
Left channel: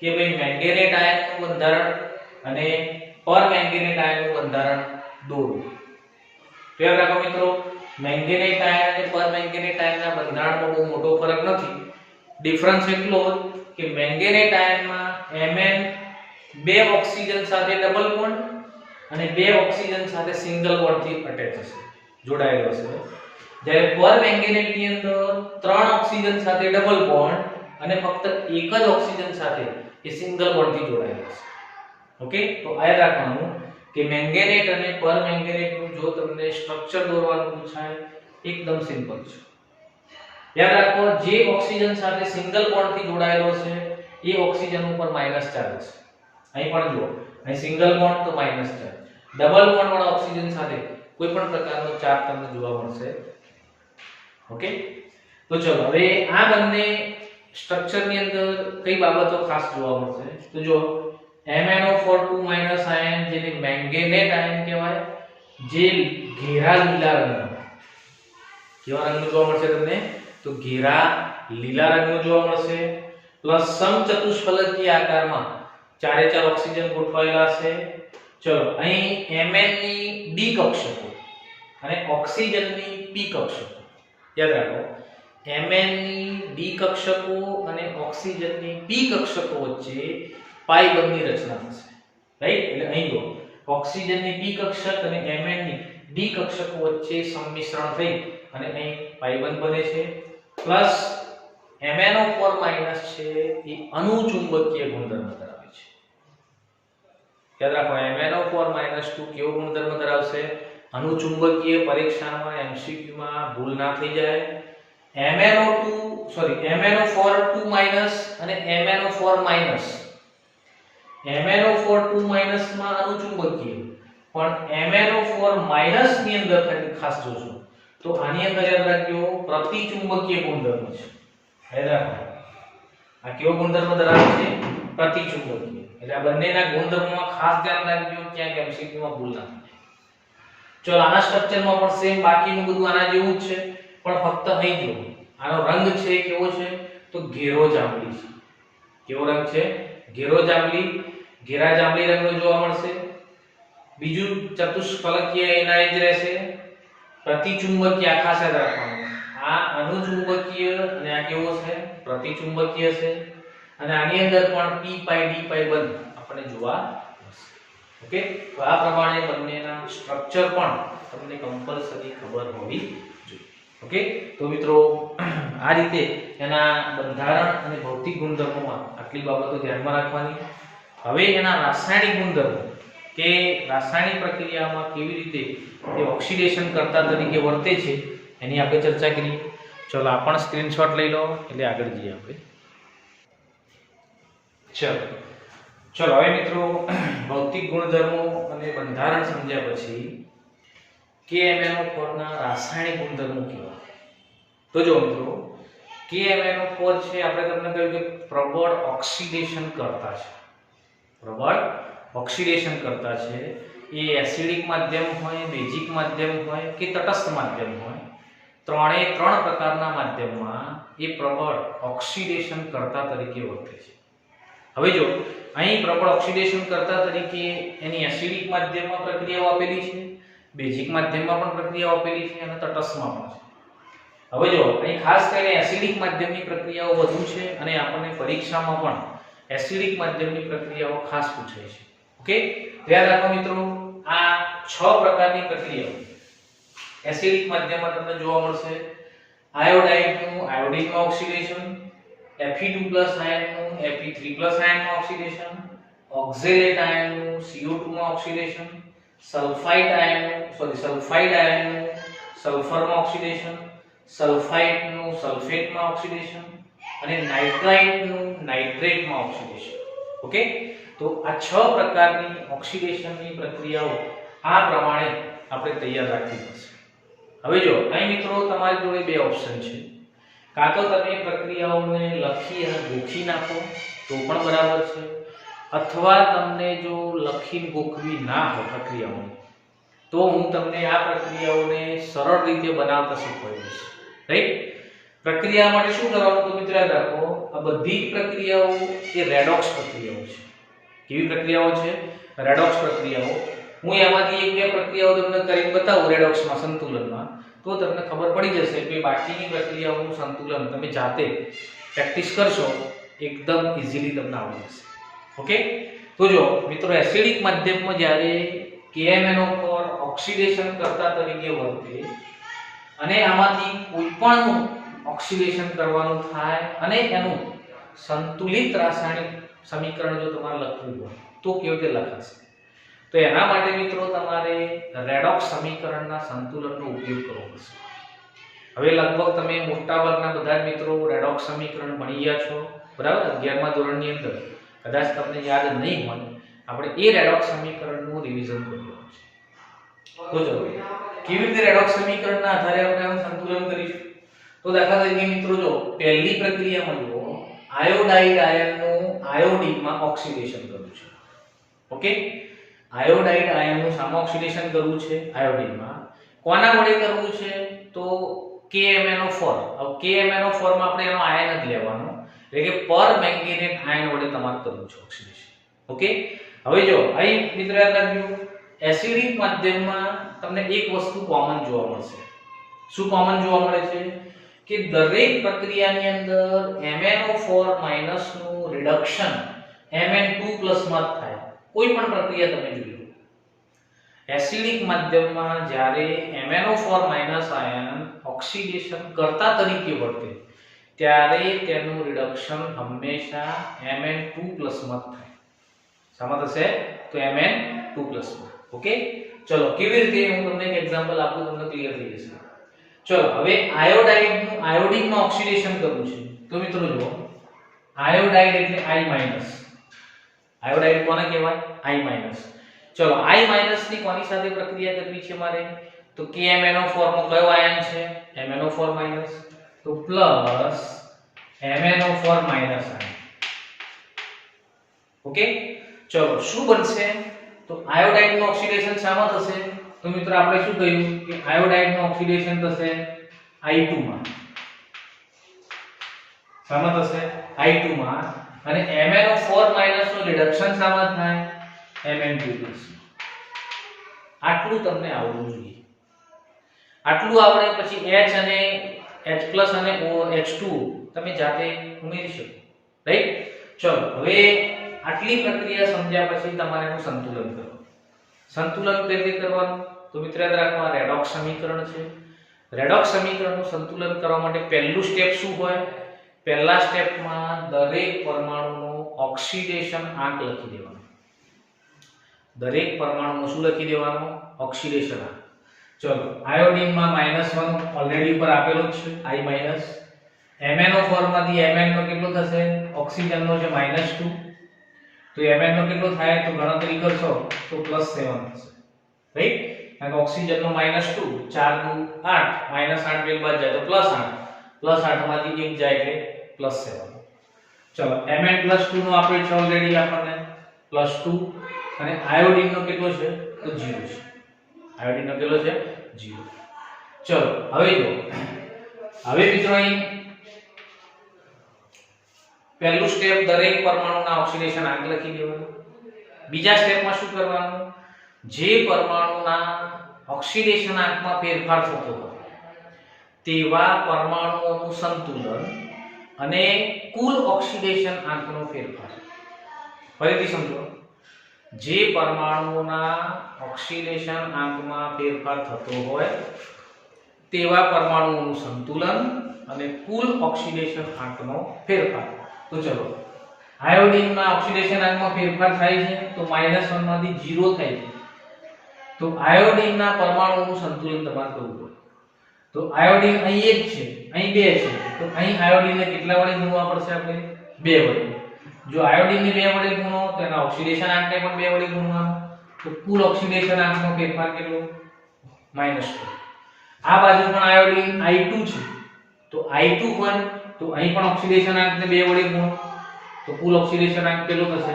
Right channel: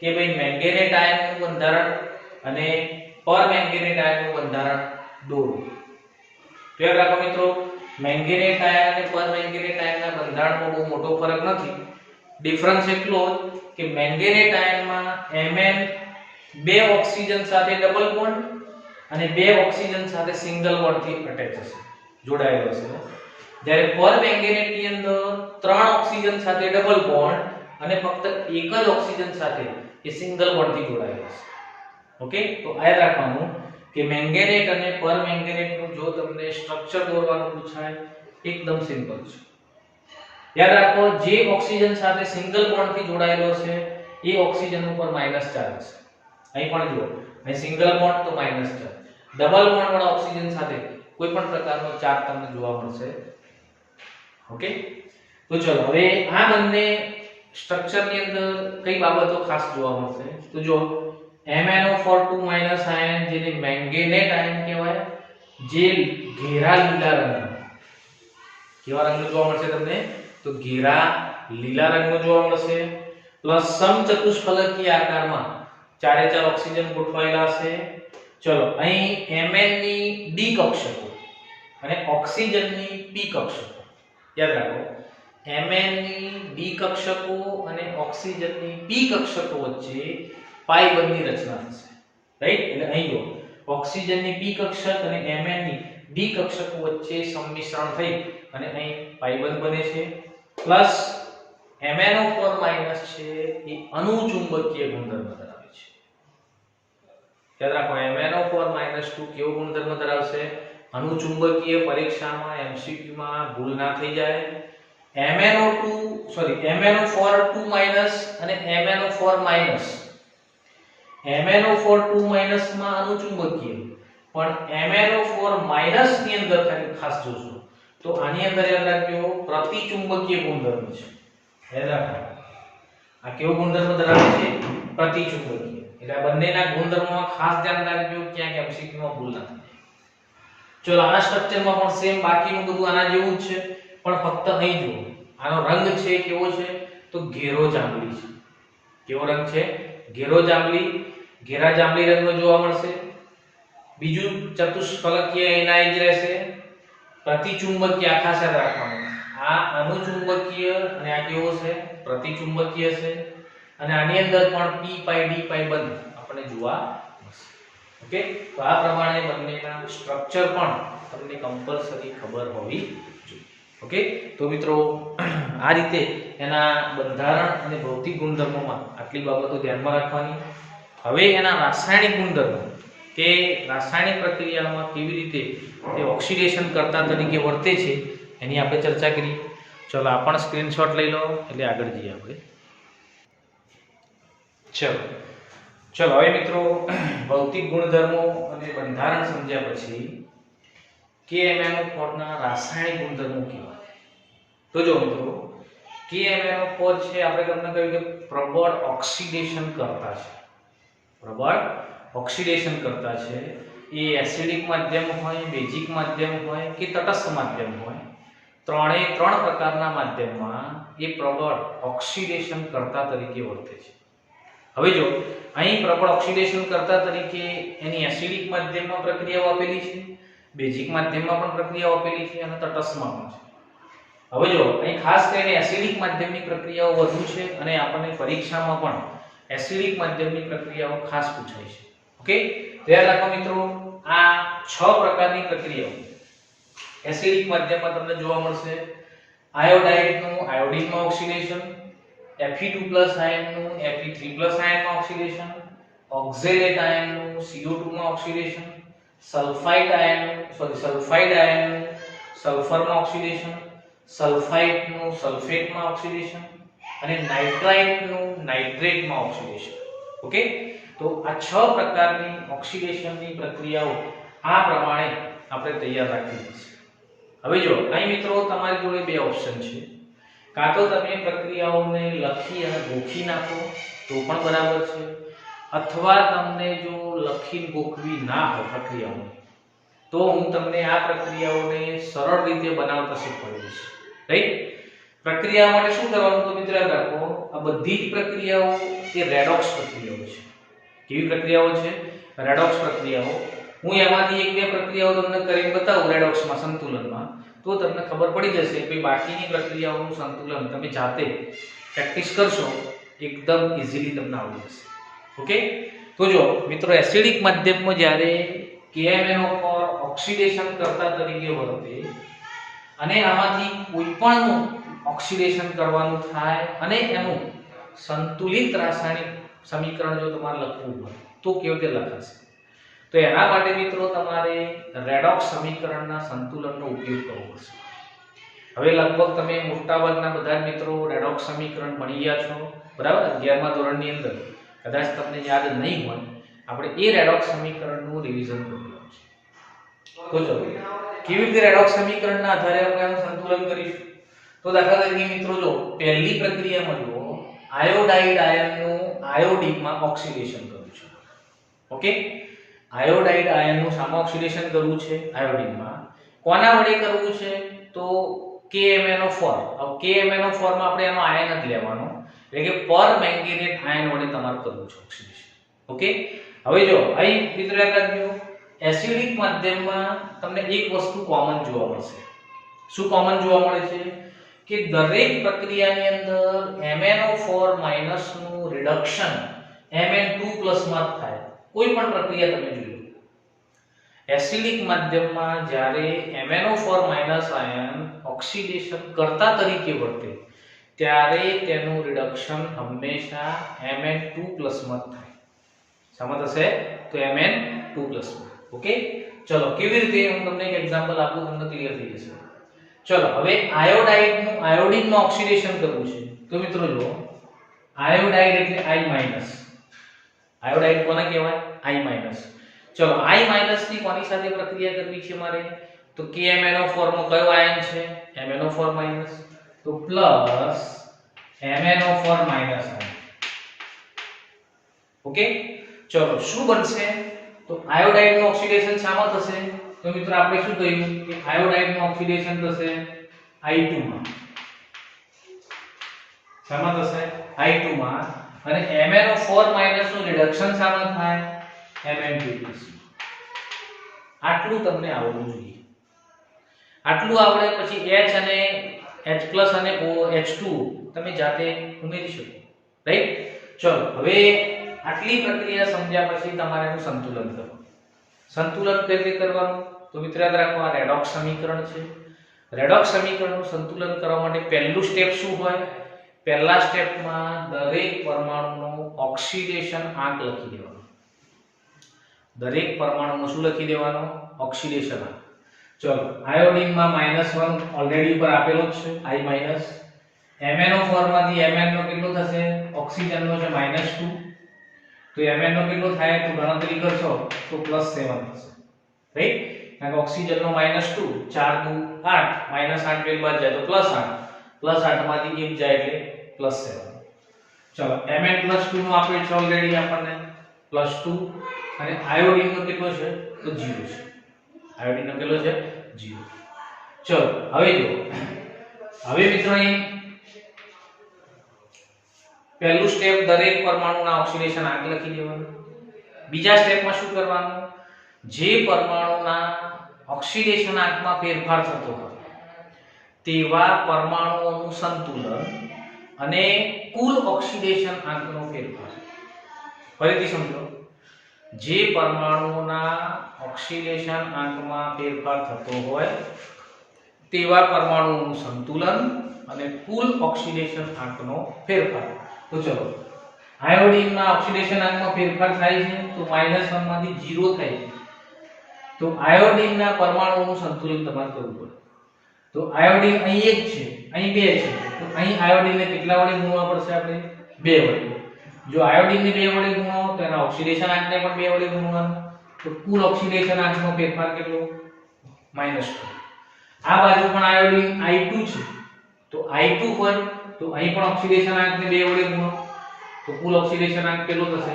કે ભાઈ મેંગેનેટ આયનનું બંધારણ અને પરમેંગેનેટ આયનનું બંધારણ દોરો. તો યાદ રાખો મિત્રો, મેંગેનેટ આયન અને પરમેંગેનેટ આયનના બંધારણમાં બહુ મોટો ફરક નથી. ડિફરન્સ એટલો કે મેંગેનેટ આયનમાં Mn 2 ઓક્સિજન સાથે ડબલ બોન્ડ અને 2 ઓક્સિજન સાથે સિંગલ બોન્ડથી અટેચ હશે, જોડાયેલો હશે. જ્યારે પરમેંગેનેટની અંદર 3 ઓક્સિજન સાથે ડબલ બોન્ડ અને ફક્ત એક જ ઓક્સિજન સાથે એ સિંગલ બોન્ડથી જોડાયેલો હશે. ઓકે, તો આ યાદ રાખવાનું કે મેંગેનેટ અને પરમેંગેનેટનું જો તમને સ્ટ્રક્ચર દોરવાનું પૂછાય એકદમ સિમ્પલ છે. યાદ રાખો, જે ઓક્સિજન સાથે સિંગલ બોન્ડથી જોડાયેલો છે એ ઓક્સિજન ઉપર માઈનસ ચાર્જ છે. અહીં પણ જુઓ, અહીં સિંગલ બોન્ડ તો માઈનસ ચાર્જ, ડબલ બોન્ડ વાળા ઓક્સિજન સાથે કોઈ પણ પ્રકારનો ચાર્જ તમને જોવા મળશે. ઓકે, તો ચલો હવે આ બંને સ્ટ્રક્ચરની અંદર કઈ બાબતો ખાસ જોવા મળશે તો જો MnO4 આયન જેને મેંગેનેટ આયન કહેવાય, જે ઘેરા લીલા રંગનો, કેવા રંગનું જોવા મળશે તમને? તો ઘેરા લીલા રંગનું જોવા મળશે. પ્લસ સમચતુષ્ફલકીય આકારમાં 4 ઓક્સિજન ગોઠવાયેલા છે. ચલો, અહીં Mn ની ડી કક્ષકો અને ઓક્સિજનની પી કક્ષકો યાદ રાખો. Mn ની ડી કક્ષકો અને ઓક્સિજનની પી કક્ષકો વચ્ચે પાઈ બંધની રચના થશે, રાઈટ? એટલે અહીં જો ઓક્સિજનની પી કક્ષક અને Mn ની ડી કક્ષકો વચ્ચે સંમિશ્રણ થઈ અને અહીં પાઈ બંધ બને છે. પ્લસ MnO4 છે એ અનુચુંબકીય ગુણધર્મ ધરાવે છે. યાદ રાખો, MnO4 કેવો ગુણધર્મ ધરાવશે? અનુચુંબકીય. પરીક્ષામાં MCQ માં ભૂલ ના થઈ જાય. MnO4 અને MnO4 માં અનુચુંબકીય, પણ MnO4 ની અંદર ખાસ જોજો તો આની અંદર યાદ રાખજો પ્રતિચુંબકીય ગુણધર્મ છે. યાદ રાખો, આ કેવો ગુણધર્મ ધરાવે છે? પ્રતિચુંબકીય. એટલે આ બંનેના ગુણધર્મોમાં ખાસ ધ્યાન રાખજો, ક્યાંક MCQ માં ભૂલ ના થાય. ચલો, આના સ્ટ્રક્ચરમાં પણ સેમ બાકીનું બધું આના જેવું જ છે, પણ ફક્ત અહીં જો આનો રંગ છે કેવો છે? તો ઘેરો જાંબલી છે. કેવો રંગ છે? ઘેરો જાંબલી, ઘેરા જાંબલી રંગનો જોવા મળશે. બીજું ચતુષ્ફલકીય એના જ રહેશે. પ્રતિચુંબકીય આખા સાથે રાખવાનું. આ અનુચુંબકીય અને આ કેવો છે? પ્રતિચુંબકીય છે. અને આની અંદર પણ p પાઈ d પાઈ બંધ આપણને જોવા મળશે. ઓકે, તો આ પ્રમાણે બંનેના સ્ટ્રક્ચર પણ તમને કમ્પલસરી ખબર હોવી જોઈએ. ઓકે, તો મિત્રો આ રીતે એના બંધારણ અને ભૌતિક ગુણધર્મોમાં આટલી બાબતો ધ્યાનમાં રાખવાની. હવે એના રાસાયણિક ગુણધર્મો કે રાસાયણિક પ્રક્રિયામાં કેવી રીતે તે ઓક્સિડેશન કરતા તરીકે વર્તે છે એની આપણે ચર્ચા કરીએ. ચલો, આ પણ સ્ક્રીનશોટ લઈ લો એટલે આગળ જઈએ આપણે. ચલો હવે મિત્રો, ભૌતિક ગુણધર્મો અને બંધારણ સમજ્યા પછી KMnO4 ના રાસાયણિક ગુણધર્મો કેવા? તો જો મિત્રો, KMnO4 છે આપણે તમને કહ્યું કે પ્રબળ ઓક્સિડેશન કરતા છે. પ્રબળ ઓક્સિડેશન કરતા છે. એ એસિડિક માધ્યમ હોય, બેઝિક માધ્યમ હોય કે તટસ્થ માધ્યમ હોય, ત્રણે ત્રણ પ્રકારના માધ્યમમાં એ પ્રબળ ઓક્સિડેશન કરતા તરીકે વર્તે છે. હવે જો અહીં પ્રબળ ઓક્સિડેશન કરતા તરીકે એની એસિડિક માધ્યમમાં પ્રક્રિયાઓ આપેલી છે, બેઝિક માધ્યમમાં પણ પ્રક્રિયાઓ આપેલી છે અને તટસ્થમાં પણ છે. હવે જો અહીં ખાસ કરીને એસિડિક માધ્યમની પ્રક્રિયાઓ વધુ છે અને આપણને પરીક્ષામાં પણ એસિડિક માધ્યમની પ્રક્રિયાઓ ખાસ પૂછાય છે. ઓકે, ધ્યાન રાખો મિત્રો, આ 6 પ્રકારની પ્રક્રિયાઓ એસિડિક માધ્યમમાં તમને જોવા મળશે. આયોડાઇડનું આયોડિનમાં ઓક્સિડેશન, Fe2+ આયનનું Fe3+ આયનમાં ઓક્સિડેશન, ઓક્ઝેલેટ આયનનું CO2 માં ઓક્સિડેશન, સલ્ફાઇડ આયનનું સલ્ફરમાં ઓક્સિડેશન, સલ્ફાઇડનું સલ્ફેટમાં ઓક્સિડેશન અને નાઇટ્રાઇટનું નાઇટ્રેટમાં ઓક્સિડેશન. ઓકે, તો આ 6 પ્રકારની ઓક્સિડેશનની પ્રક્રિયાઓ આ પ્રમાણે આપણે તૈયાર રાખવી પડશે. હવે જો અહીં મિત્રો તમારી જોડે બે ઓપ્શન છે. કાં તો તમે પ્રક્રિયાઓને લખી અને ગોખી નાખો તો પણ બરાબર છે, અથવા તમને જો લખી ગોખવી ના હોય પ્રક્રિયાઓને તો હું તમને આ પ્રક્રિયાઓને સરળ રીતે બનાવતા શીખવાડીશ. રાઈટ? પ્રક્રિયા માટે શું કરવાનું તો મિત્રો યાદ રાખો, આ બધી જ પ્રક્રિયાઓ એ રેડોક્સ પ્રક્રિયાઓ છે. કેવી પ્રક્રિયાઓ છે? રેડોક્સ પ્રક્રિયાઓ. હું એમાંથી એક બે પ્રક્રિયાઓ તમને કરીને બતાવું રેડોક્સમાં, સંતુલનમાં, તો તમને ખબર પડી જશે કે બાકીની પ્રક્રિયાઓનું સંતુલન તમે જાતે પ્રેક્ટિસ કરશો એકદમ ઈઝીલી તમને આવડી જશે. ઓકે, તો જો મિત્રો એસિડિક માધ્યમમાં જ્યારે KMnO પર ઓક્સિડેશન કરતા તરીકે વર્તે અને આમાંથી કોઈ પણ ઓક્સિડેશન કરવાનું થાય અને એનું સંતુલિત રાસાયણિક સમીકરણ જો તમારે લખવું હોય તો કેવી રીતે લખાશે? તો એના માટે મિત્રો તમારે રેડોક્સ સમીકરણના સંતુલનનો ઉપયોગ કરવો પડશે. હવે લગભગ તમે મોટાભાગના બધા જ મિત્રો રેડોક્સ સમીકરણ ભણી ગયા છો, બરાબર? 11મા ધોરણની અંદર કદાચ તમને યાદ નહીં હોય, આપણે એ રેડોક્સ સમીકરણનું રિવિઝન કરવું છે. તો ચલો કેવી રીતે રેડોક્સ સમીકરણના આધારે આપણે આનું સંતુલન કરીશું? તો દાખલા તરીકે મિત્રો જો પહેલી પ્રક્રિયામાં જો આયોડાઇડ આયનનું આયોડિનમાં ઓક્સિડેશન કરવું છે. ઓકે, આયોડાઇડ આયનનું સામા ઓક્સિડેશન કરવું છે આયોડિનમાં. કોના વડે કરવું છે? તો KMnO4. હવે KMnO4 માં આપણે એનો આયન જ લેવાનો, એટલે કે પર મેંગેનેટ આયન વડે તમારે કરવું છે ઓક્સિડેશન. ઓકે, હવે જો અહીં મિત્રો યાદ રાખજો, એસિડિક માધ્યમમાં તમને એક વસ્તુ કોમન જોવા મળશે. શું કોમન જોવા મળે છે? કે દરેક પ્રક્રિયાની અંદર MnO4- નું રિડક્શન Mn2+ માં થાય. કોઈ પણ પ્રક્રિયા તમે જોઈ લો, એસિડિક માધ્યમમાં જ્યારે MnO4- આયન ઓક્સિડેશન કરતા તરીકે વર્તે ત્યારે તેનું રિડક્શન હંમેશા Mn2+ માં થાય. સમજ હશે? તો Mn2+ માં. ઓકે, ચલો કેવી રીતે હું તમને એક એક્ઝામ્પલ આપું, તમને ક્લિયર થઈ જશે. ચલો હવે આયોડાઇડનું આયોડિનમાં ઓક્સિડેશન કરવું છે. તો મિત્રો જુઓ, આયોડાઇડ એટલે I-. આયોડાઇડ કોને કહેવાય? I-. ચલો I- ની કોની સાથે પ્રક્રિયા કરવી છે મારે? તો KMnO4 માં કયો આયન છે? MnO4-. તો પ્લસ MnO4- આયન. ઓકે, ચલો શું બનશે? તો આયોડાઇડનું ઓક્સિડેશન શામાં થશે? તો મિત્રો આપણે શું કહ્યું કે આયોડાઇડનું ઓક્સિડેશન થશે I2 માં. શામાં થશે? I2 માં. અને MnO4- નું રિડક્શન શામાં થાય? Mn2+. આટલું તમને આવડવું જોઈએ. આટલું આવડે પછી H અને H+ અને H2 તમે જાતે ઉમેરી શકો. રાઈટ? ચલો હવે આટલી પ્રક્રિયા સમજ્યા પછી તમારે એનું સંતુલન કરવું. સંતુલન કઈ રીતે કરવાનું? તો મિત્રો યાદ રાખો, આ રેડોક્સ સમીકરણ છે. રેડોક્સ સમીકરણનું સંતુલન કરવા માટે પહેલું સ્ટેપ શું હોય? પહેલા સ્ટેપમાં દરેક પરમાણુનો ઓક્સિડેશન આંક લખી દેવાનો. દરેક પરમાણુનો શું લખી દેવાનો? ઓક્સિડેશન આંક. ચલો આયોડિનમાં -1 ઓલરેડી ઉપર આપેલો જ છે, I-. MnO4 માંથી Mn નો કેટલો થશે? ઓક્સિજનનો છે -2. તો Mn નો કેટલો થાય? તો ગણતરી કરશો તો +7 થશે. રાઈટ? કારણ કે ઓક્સિજનનો -2, 4 નું 8, -8 બે બાદ જાય તો +8, +8 માંથી 1 જાય એટલે +7. ચલો Mn+2 નું આપેલ છે ઓલરેડી આપણને +2, અને આયોડિન નો કેટલો છે? તો 0 છે. આયોડિન નો કેટલો છે? 0. ચલો હવે જો, હવે મિત્રો અહીં પહેલું સ્ટેપ દરેક પરમાણુના ઓક્સિડેશન આંક લખી દેવાનો. બીજા સ્ટેપમાં શું કરવાનું? જે પરમાણુના ઓક્સિડેશન આંકમાં ફેરફાર થતો હોય તેવા પરમાણુઓનું સંતુલન અને કુલ ઓક્સિડેશન આંકનો ફેરફાર. ફરીથી સમજો, જે પરમાણુના ઓક્સિડેશન આંકમાં ફેરફાર થતો હોય તેવા પરમાણુઓનું સંતુલન અને કુલ ઓક્સિડેશન આંકનો ફેરફાર. તો ચલો આયોડિનના ઓક્સિડેશન આંકમાં ફેરફાર થાય છે તો -1 માંથી 0 થાય છે. તો આયોડિનના પરમાણુઓનું સંતુલન તમારે કરવું પડે. તો આયોડિન અહીં 1 છે, અહીં 2 છે, તો અહીં આયોડિનને કેટલા વડે ગુણવા પડશે? આપણે 2 વડે. જો આયોડિનને 2 વડે ગુણો તો એના ઓક્સિડેશન આંકને પણ 2 વડે ગુણવાનો. તો કુલ ઓક્સિડેશન આંકનો ફેરફાર કેટલો? -2. આ બાજુ પણ આયોડિન I2 છે, તો I2 હોય તો અહીં પણ ઓક્સિડેશન આંકને 2 વડે ગુણો તો કુલ ઓક્સિડેશન આંક કેટલો થશે?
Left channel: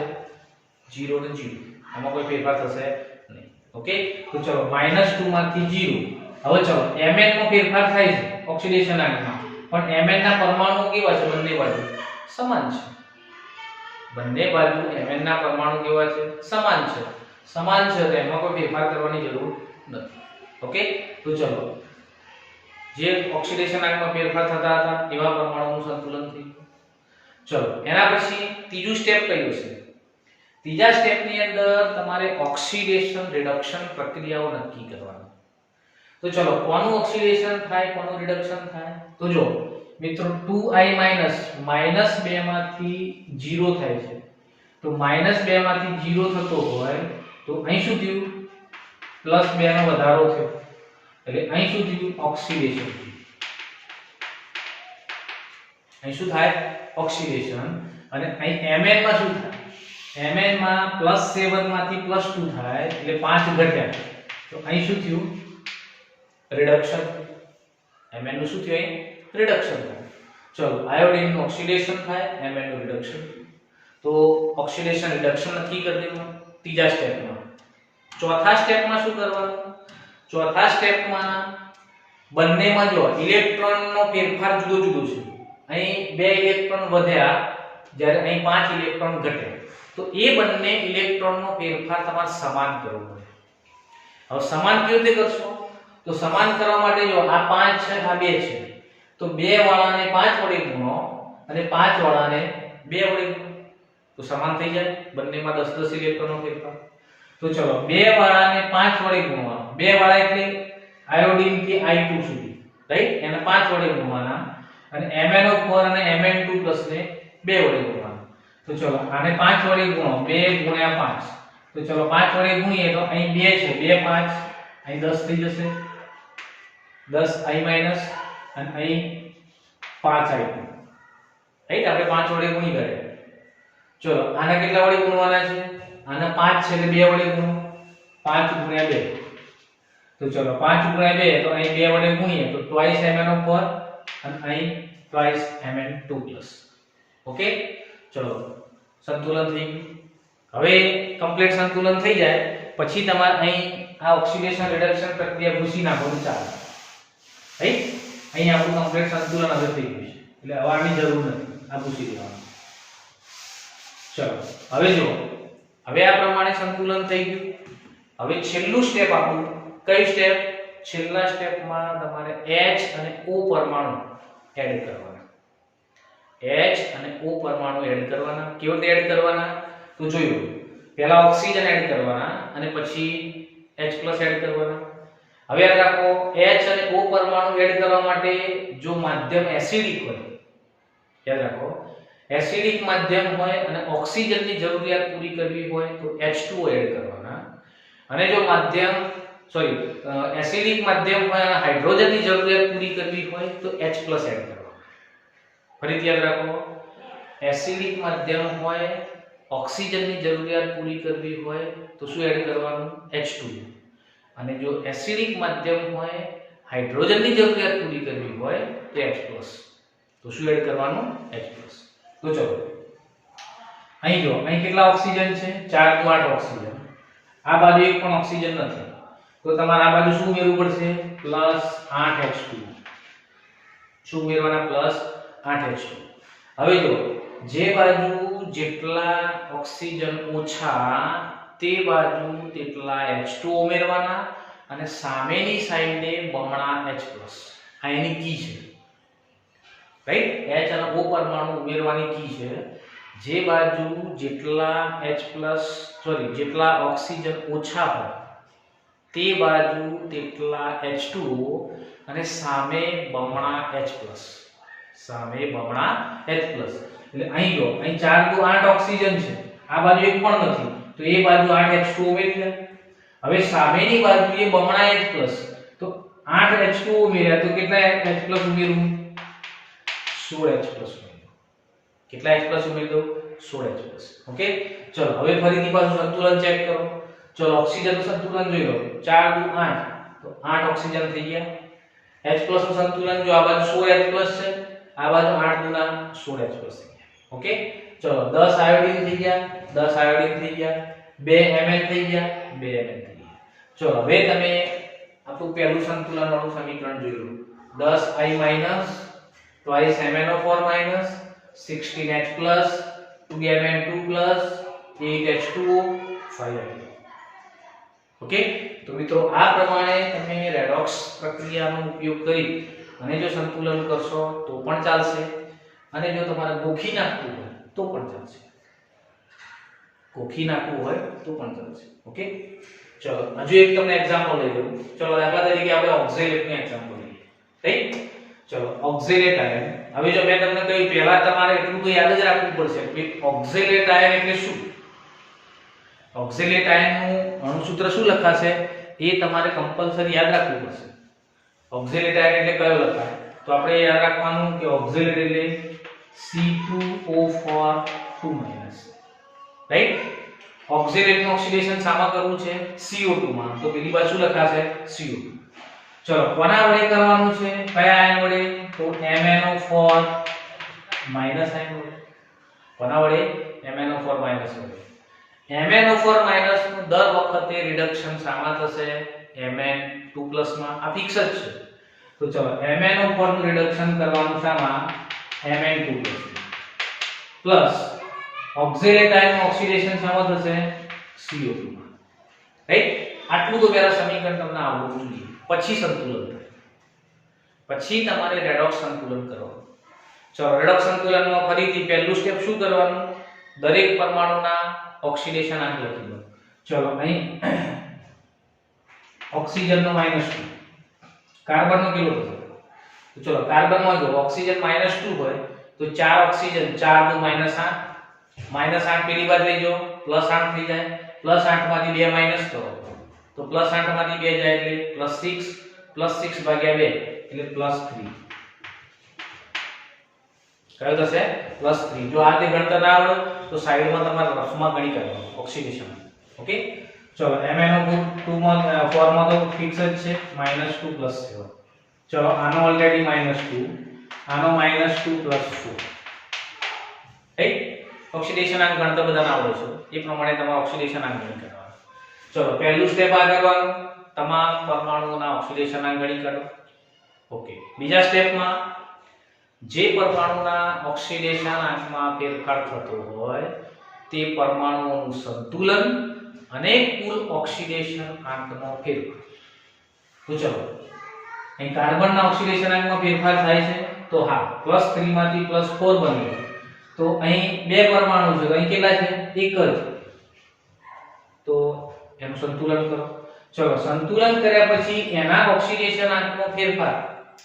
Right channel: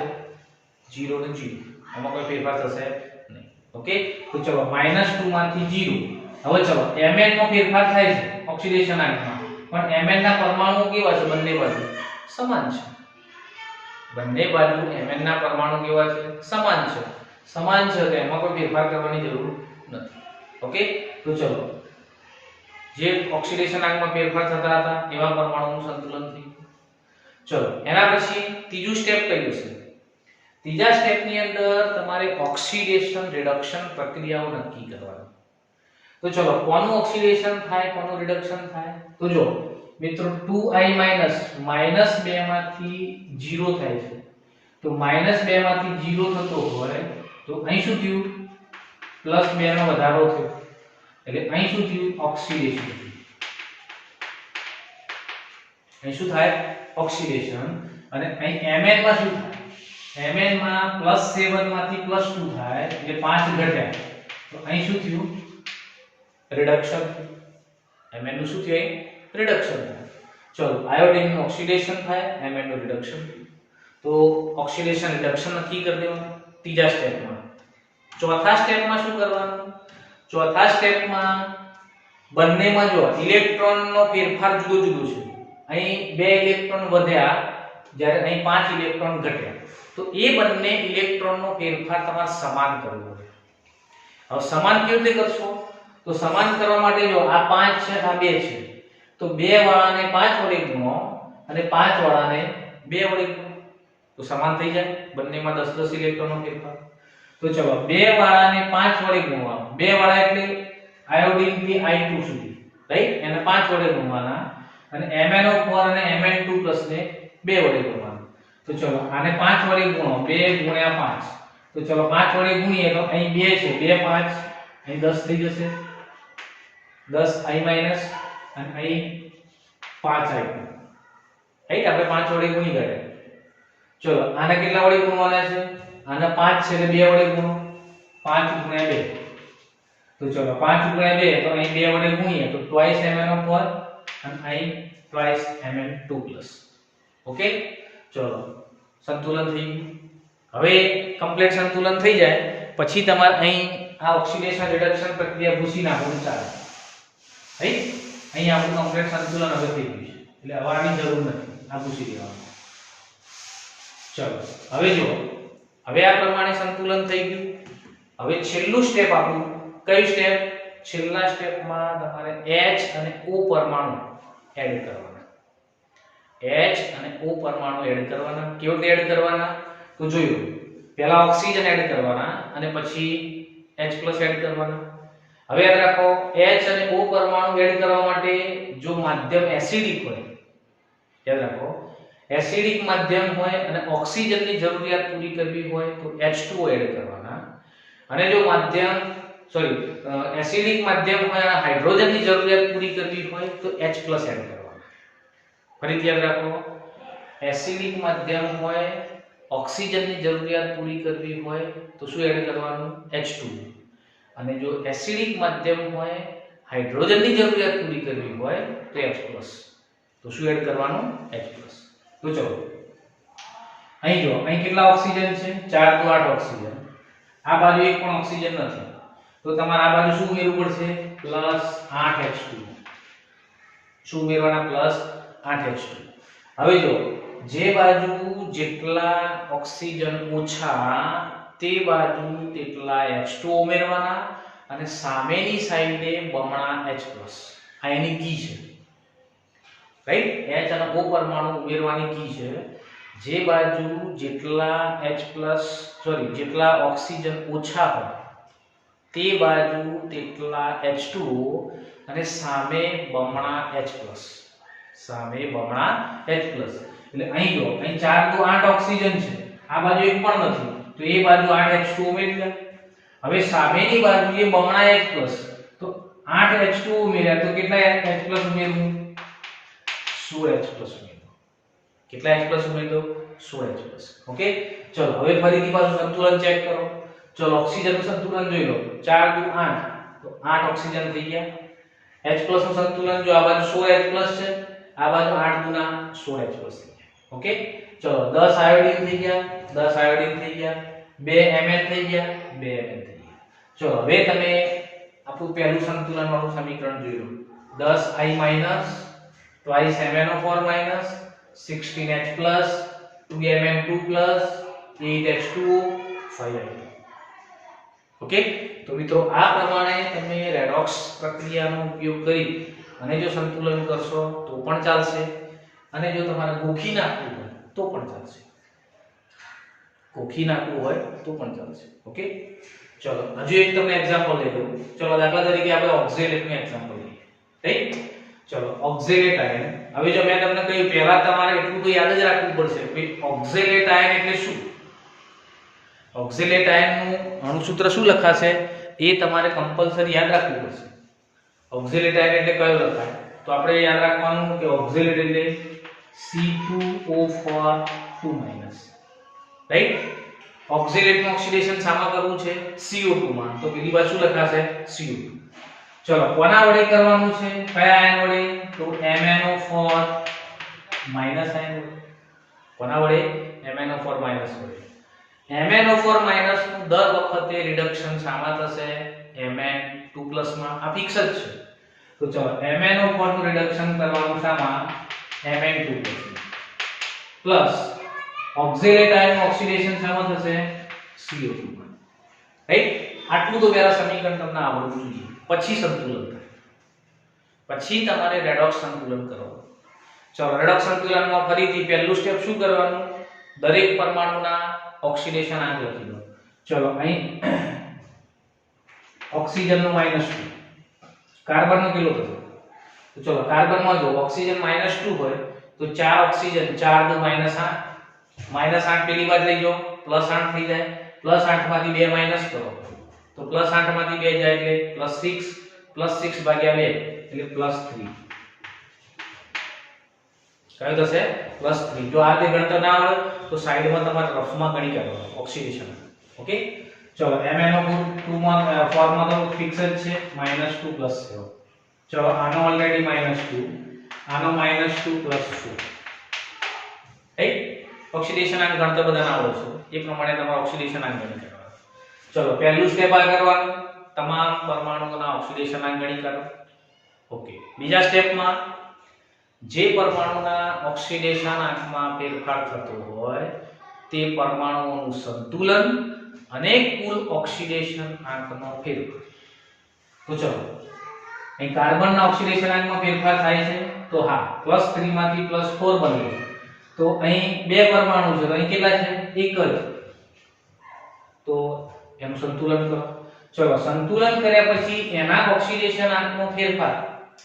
0 ને 0. આમાં કોઈ ફેરફાર થશે નહીં. ઓકે, તો ચલો -2 માંથી 0. હવે ચલો Mn નો ફેરફાર થાય છે ઓક્સિડેશન આંકમાં, પણ Mn ના પરમાણુઓ કેવા છે? બંને બાજુ સમાન છે. બંને બાજુ Mn ના પરમાણુ કેવા છે? સમાન છે. સમાન છે તો એમાં કોઈ ફેરફાર કરવાની જરૂર નથી. ઓકે, તો ચલો જે ઓક્સિડેશન આંકમાં ફેરફાર થતા હતા એવા પરમાણુઓનું સંતુલન થયું. ચલો એના પછી ત્રીજું સ્ટેપ કયું છે? ત્રીજા સ્ટેપની અંદર તમારે ઓક્સિડેશન રિડક્શન પ્રક્રિયાઓ નક્કી કરવાની. તો ચલો કોનું ઓક્સિડેશન થાય, કોનું રિડક્શન થાય? તો જો મિત્રો 2i - -2 માંથી 0 થાય છે. તો -2 માંથી 0 થતો હોય તો અહીં શું થયું? +2 નો વધારો થયો. એટલે અહીં શું થયું? ઓક્સિડેશન. અહીં શું થાય? ઓક્સિડેશન. અને અહીં Mn માં શું થાય? Mn માં +7 માંથી +2 થાય એટલે 5 ઘટ્યા. તો અહીં શું થયું? રિડક્શન. Mn નું શું થયું? અહીં રિડક્શન થાય. ચલો આયોડિન નું ઓક્સિડેશન થાય, Mn નું રિડક્શન. તો ઓક્સિડેશન રિડક્શન નક્કી કરી દેવાનું ત્રીજા સ્ટેપમાં. ચોથા સ્ટેપમાં શું કરવાનું? ચોથા સ્ટેપમાં બંનેમાં જો ઇલેક્ટ્રોનનો ફેરફાર જુદો જુદો છે. અહીં 2 ઇલેક્ટ્રોન વધ્યા જ્યારે અહીં 5 ઇલેક્ટ્રોન ઘટ્યા. તો એ બંને ઇલેક્ટ્રોનનો ફેરફાર તમારે સમાન કરવો પડે. હવે સમાન કેવી રીતે કરશો? તો સમાન કરવા માટે જો આ 5 છે, આ 2 છે, તો 2 વાળાને 5 વડે ગુણો અને 5 વાળાને 2 વડે ગુણો તો સમાન થઈ જાય. બંનેમાં 10-10 ઇલેક્ટ્રોનનો ફેરફાર. તો ચલો 2 વાળાને 5 વડે ગુણવા. 2 વાળા એટલે આયોડિન થી I2 સુધી, રાઈટ? એને 5 વડે ગુણવાના અને MnO4 અને Mn2+ ને 2 વડે ગુણવાના. તો ચલો આને 5 વડે ગુણો. 2 × 5. તો ચલો 5 વડે ગુણીએ તો અહીં 2 છે, 2 5 અહીં 10 થઈ જશે. 10i- અને અહીં 5i2. રાઈટ? આપણે 5 વડે ગુણી ગયા. ચલો આને કેટલા વડે ગુણવાના છે? આના 5 છે એટલે 2 વડે ગુણો. 5 × 2. તો ચલો 5 × 2 તો અહીં 2 વડે ગુણીએ તો twice MnO4 અને અહીં twice Mn2+. ઓકે, ચલો સંતુલન થઈ ગયું. હવે કમ્પ્લીટ સંતુલન થઈ જાય પછી તમારે અહીં આ ઓક્સિડેશન રિડક્શન પ્રક્રિયા ભૂસી નાખવાનું ચાલે. રાઈટ? અહીં આપણું કમ્પ્લીટ સંતુલન હવે થઈ ગયું છે. એટલે હવે આની જરૂર નથી, આ ભૂસી દેવાનું. ચલો હવે જો હવે આ પ્રમાણે સંતુલન થઈ ગયું. હવે છેલ્લું સ્ટેપ આપણું કઈ સ્ટેપ? છેલ્લા સ્ટેપમાં તમારે H અને O પરમાણુ એડ કરવાના. H અને O પરમાણુ એડ કરવાના. કેવી રીતે એડ કરવાના? તો જોયું, પહેલા ઓક્સિજન એડ કરવાના અને પછી H+ એડ કરવાના. હવે યાદ રાખો H અને O પરમાણુ એડ કરવા માટે જો માધ્યમ એસિડિક હોય, યાદ રાખો એસિડિક માધ્યમ હોય અને ઓક્સિજનની જરૂરિયાત પૂરી કરવી હોય તો H2O એડ કરવાના. અને જો માધ્યમ એસિડિક માધ્યમ હોય અને હાઇડ્રોજનની જરૂરિયાત પૂરી કરવી હોય તો H+ એડ કરવાના. ફરીથી યાદ રાખો, એસિડિક માધ્યમ હોય, ઓક્સિજનની જરૂરિયાત પૂરી કરવી હોય તો શું એડ કરવાનું? H2O. અને જો એસિડિક માધ્યમ હોય, હાઇડ્રોજનની જરૂરિયાત પૂરી કરવી હોય તો H+. તો શું એડ કરવાનું? H+. તો ચલો અહીં જો અહીં કેટલા ઓક્સિજન છે? 4 × 8 ઓક્સિજન. આ બાજુ એક પણ ઓક્સિજન નથી તો તમારે આ બાજુ શું ઉમેરવું પડશે? +8H2. શું ઉમેરવાના? +8H2. હવે જો જે બાજુ જેટલા ઓક્સિજન ઓછા તે બાજુ તેટલા H2 ઉમેરવાના અને સામેની સાઈડે બમણા H+. આ એની કી છે. રાઈટ? H અને O પરમાણુ ઉમેરવાની કી છે. જે બાજુ જેટલા જેટલા ઓક્સિજન ઓછા હોય તે બાજુ તેટલા H2O અને સામે બમણા H+. સામે બમણા H+. એટલે અહીં જો અહીં 4 દુ 8 ઓક્સિજન છે, આ બાજુ એક પણ નથી, તો એ બાજુ 8 H2O ઉમેરી દે. હવે સામેની બાજુએ બમણા H+, તો 8 H2O ઉમેર્યા તો કેટલા H+ ઉમેરું? 16 H+ ઉમેરું. કેટલા H+ ઉમેરી દો? 16 H+. ઓકે, ચલો હવે ફરીથી પાછું સંતુલન ચેક કરો. ચલો ઓક્સિજનનું સંતુલન જોઈ લો. 4 દુ 8, તો 8 ઓક્સિજન થઈ ગયા. H+ નું સંતુલન જો આ બાજુ 16 H+ છે, આ બાજુ 8 દુના 16 H+ થઈ ગયા. ઓકે, ચલો 10 આયોડીન થઈ ગયા, 10 આયોડીન થઈ ગયા, 2 Mn થઈ ગયા, 2 Mn થઈ ગયા. ચલો હવે તમે આપણું પહેલું સંતુલન વાળું સમીકરણ જોઈ લો. 10I- twice MnO4- 16H+, 2Mn2+, 8H2O, 5Mn. Okay, તો મિત્રો આ પ્રમાણે તમે રેડોક્સ પ્રક્રિયાનો ઉપયોગ કરી અને જો સંતુલન કરશો તો પણ ચાલશે, અને જો તમારે ગોખી નાખવું હોય તો પણ ચાલશે. ગોખી નાખવું હોય તો પણ ચાલશે. ઓકે, ચલો હજુ એક તમને એક્ઝામ્પલ લઈ લઉં. ચલો દાખલા તરીકે આપણે ઓક્ઝેલેટનું એક્ઝામ્પલ લઈએ. રાઈટ, ચલો ઓક્ઝેલેટ આયન. હવે જો મેં તમને કહ્યું પહેલા તમારે એટલું તો યાદ જ રાખવું પડશે કે ઓક્ઝેલેટ આયન એટલે શું. ઓક્ઝેલેટ આયનનું અણુસૂત્ર શું લખાશે એ તમારે કમ્પલસરી યાદ રાખવું પડશે. ઓક્ઝેલેટ આયન એટલે કયો લખાય? તો આપણે યાદ રાખવાનું કે ઓક્ઝેલેટ એટલે C2O4 રાઈટ. ઓક્ઝેલેટનું ઓક્સિડેશન શામાં કરવું છે? CO2 માં. તો પેલી બાજુ શું લખાશે? CO2. ચલો કોના વડે કરવાનું છે? કયા આયન વડે? તો MnO4- આયન વડે. કોના વડે? MnO4- વડે. MnO4- નું દર વખતે રિડક્શન શામાં થશે? Mn2+ માં. આ ફિક્સ જ છે. તો ચલો MnO4 નું રિડક્શન કરવાનું શામાં? Mn2+ પ્લસ ઓક્ઝેલેટ આયનનું ઓક્સિડેશન શામાં થશે? CO2 માં. રાઈટ, આટલું તો પહેલા સમીકરણ તમને આવડવું જોઈએ, પછી સંતુલન થાય, પછી તમારે રેડોક્સ સંતુલન કરવાનું. ચલો રેડોક્સ સંતુલનમાં ફરીથી પહેલું સ્ટેપ શું કરવાનું? દરેક પરમાણુના ઓક્સિડેશન આંક લખી દો. ચલો અહીં ઓક્સિજનનું -2, કાર્બનનો કેટલો થશે? તો ચલો કાર્બનમાં જો ઓક્સિજન -2 હોય તો 4 ઓક્સિજન 4 દુ -8, -8 પેલી બાજુ લઈ જાઓ, +8 થઈ જાય. +8 માંથી 2 માઈનસ કરો તો +8 માંથી 2 જાય એટલે +6, +6 ભાગ્યા 2 એટલે +3. કયો થશે? +3. જો આ તે ગણતર ના આવે તો સાઈડમાં તમારે રફમાં ગણી કરવાનું ઓક્સિડેશન. ઓકે, ચલો MnO2 માં ફોર્મમાં તો ફિક્સ જ છે -2 + 7. ચલો આનો ઓલરેડી -2, આનો -2 + 4. રાઈટ, ઓક્સિડેશન આંક ગણતર બધાને આવડે છે, એ પ્રમાણે તમારે ઓક્સિડેશન આંક ગણી કરવાનું. ચલો પહેલું સ્ટેપ આ કરવાનું, તમામ પરમાણુઓના ઓક્સિડેશન આંક ગણી કરો. ઓકે, બીજા સ્ટેપમાં જે પરમાણુના ઓક્સિડેશન આંકમાં ફેરફાર થતો હોય તે પરમાણુઓનું સંતુલન અને કુલ ઓક્સિડેશન આંકનો ફેરફાર. તો ચલો અહીં કાર્બનના ઓક્સિડેશન આંકમાં ફેરફાર થાય છે, તો હા +3 માંથી +4 બન્યું. તો અહીં બે પરમાણુ છે, તો અહીં કેટલા છે? એક જ. તો એનું સંતુલન કરો. ચલો સંતુલન કર્યા પછી એના ઓક્સિડેશન આંકનો ફેરફાર,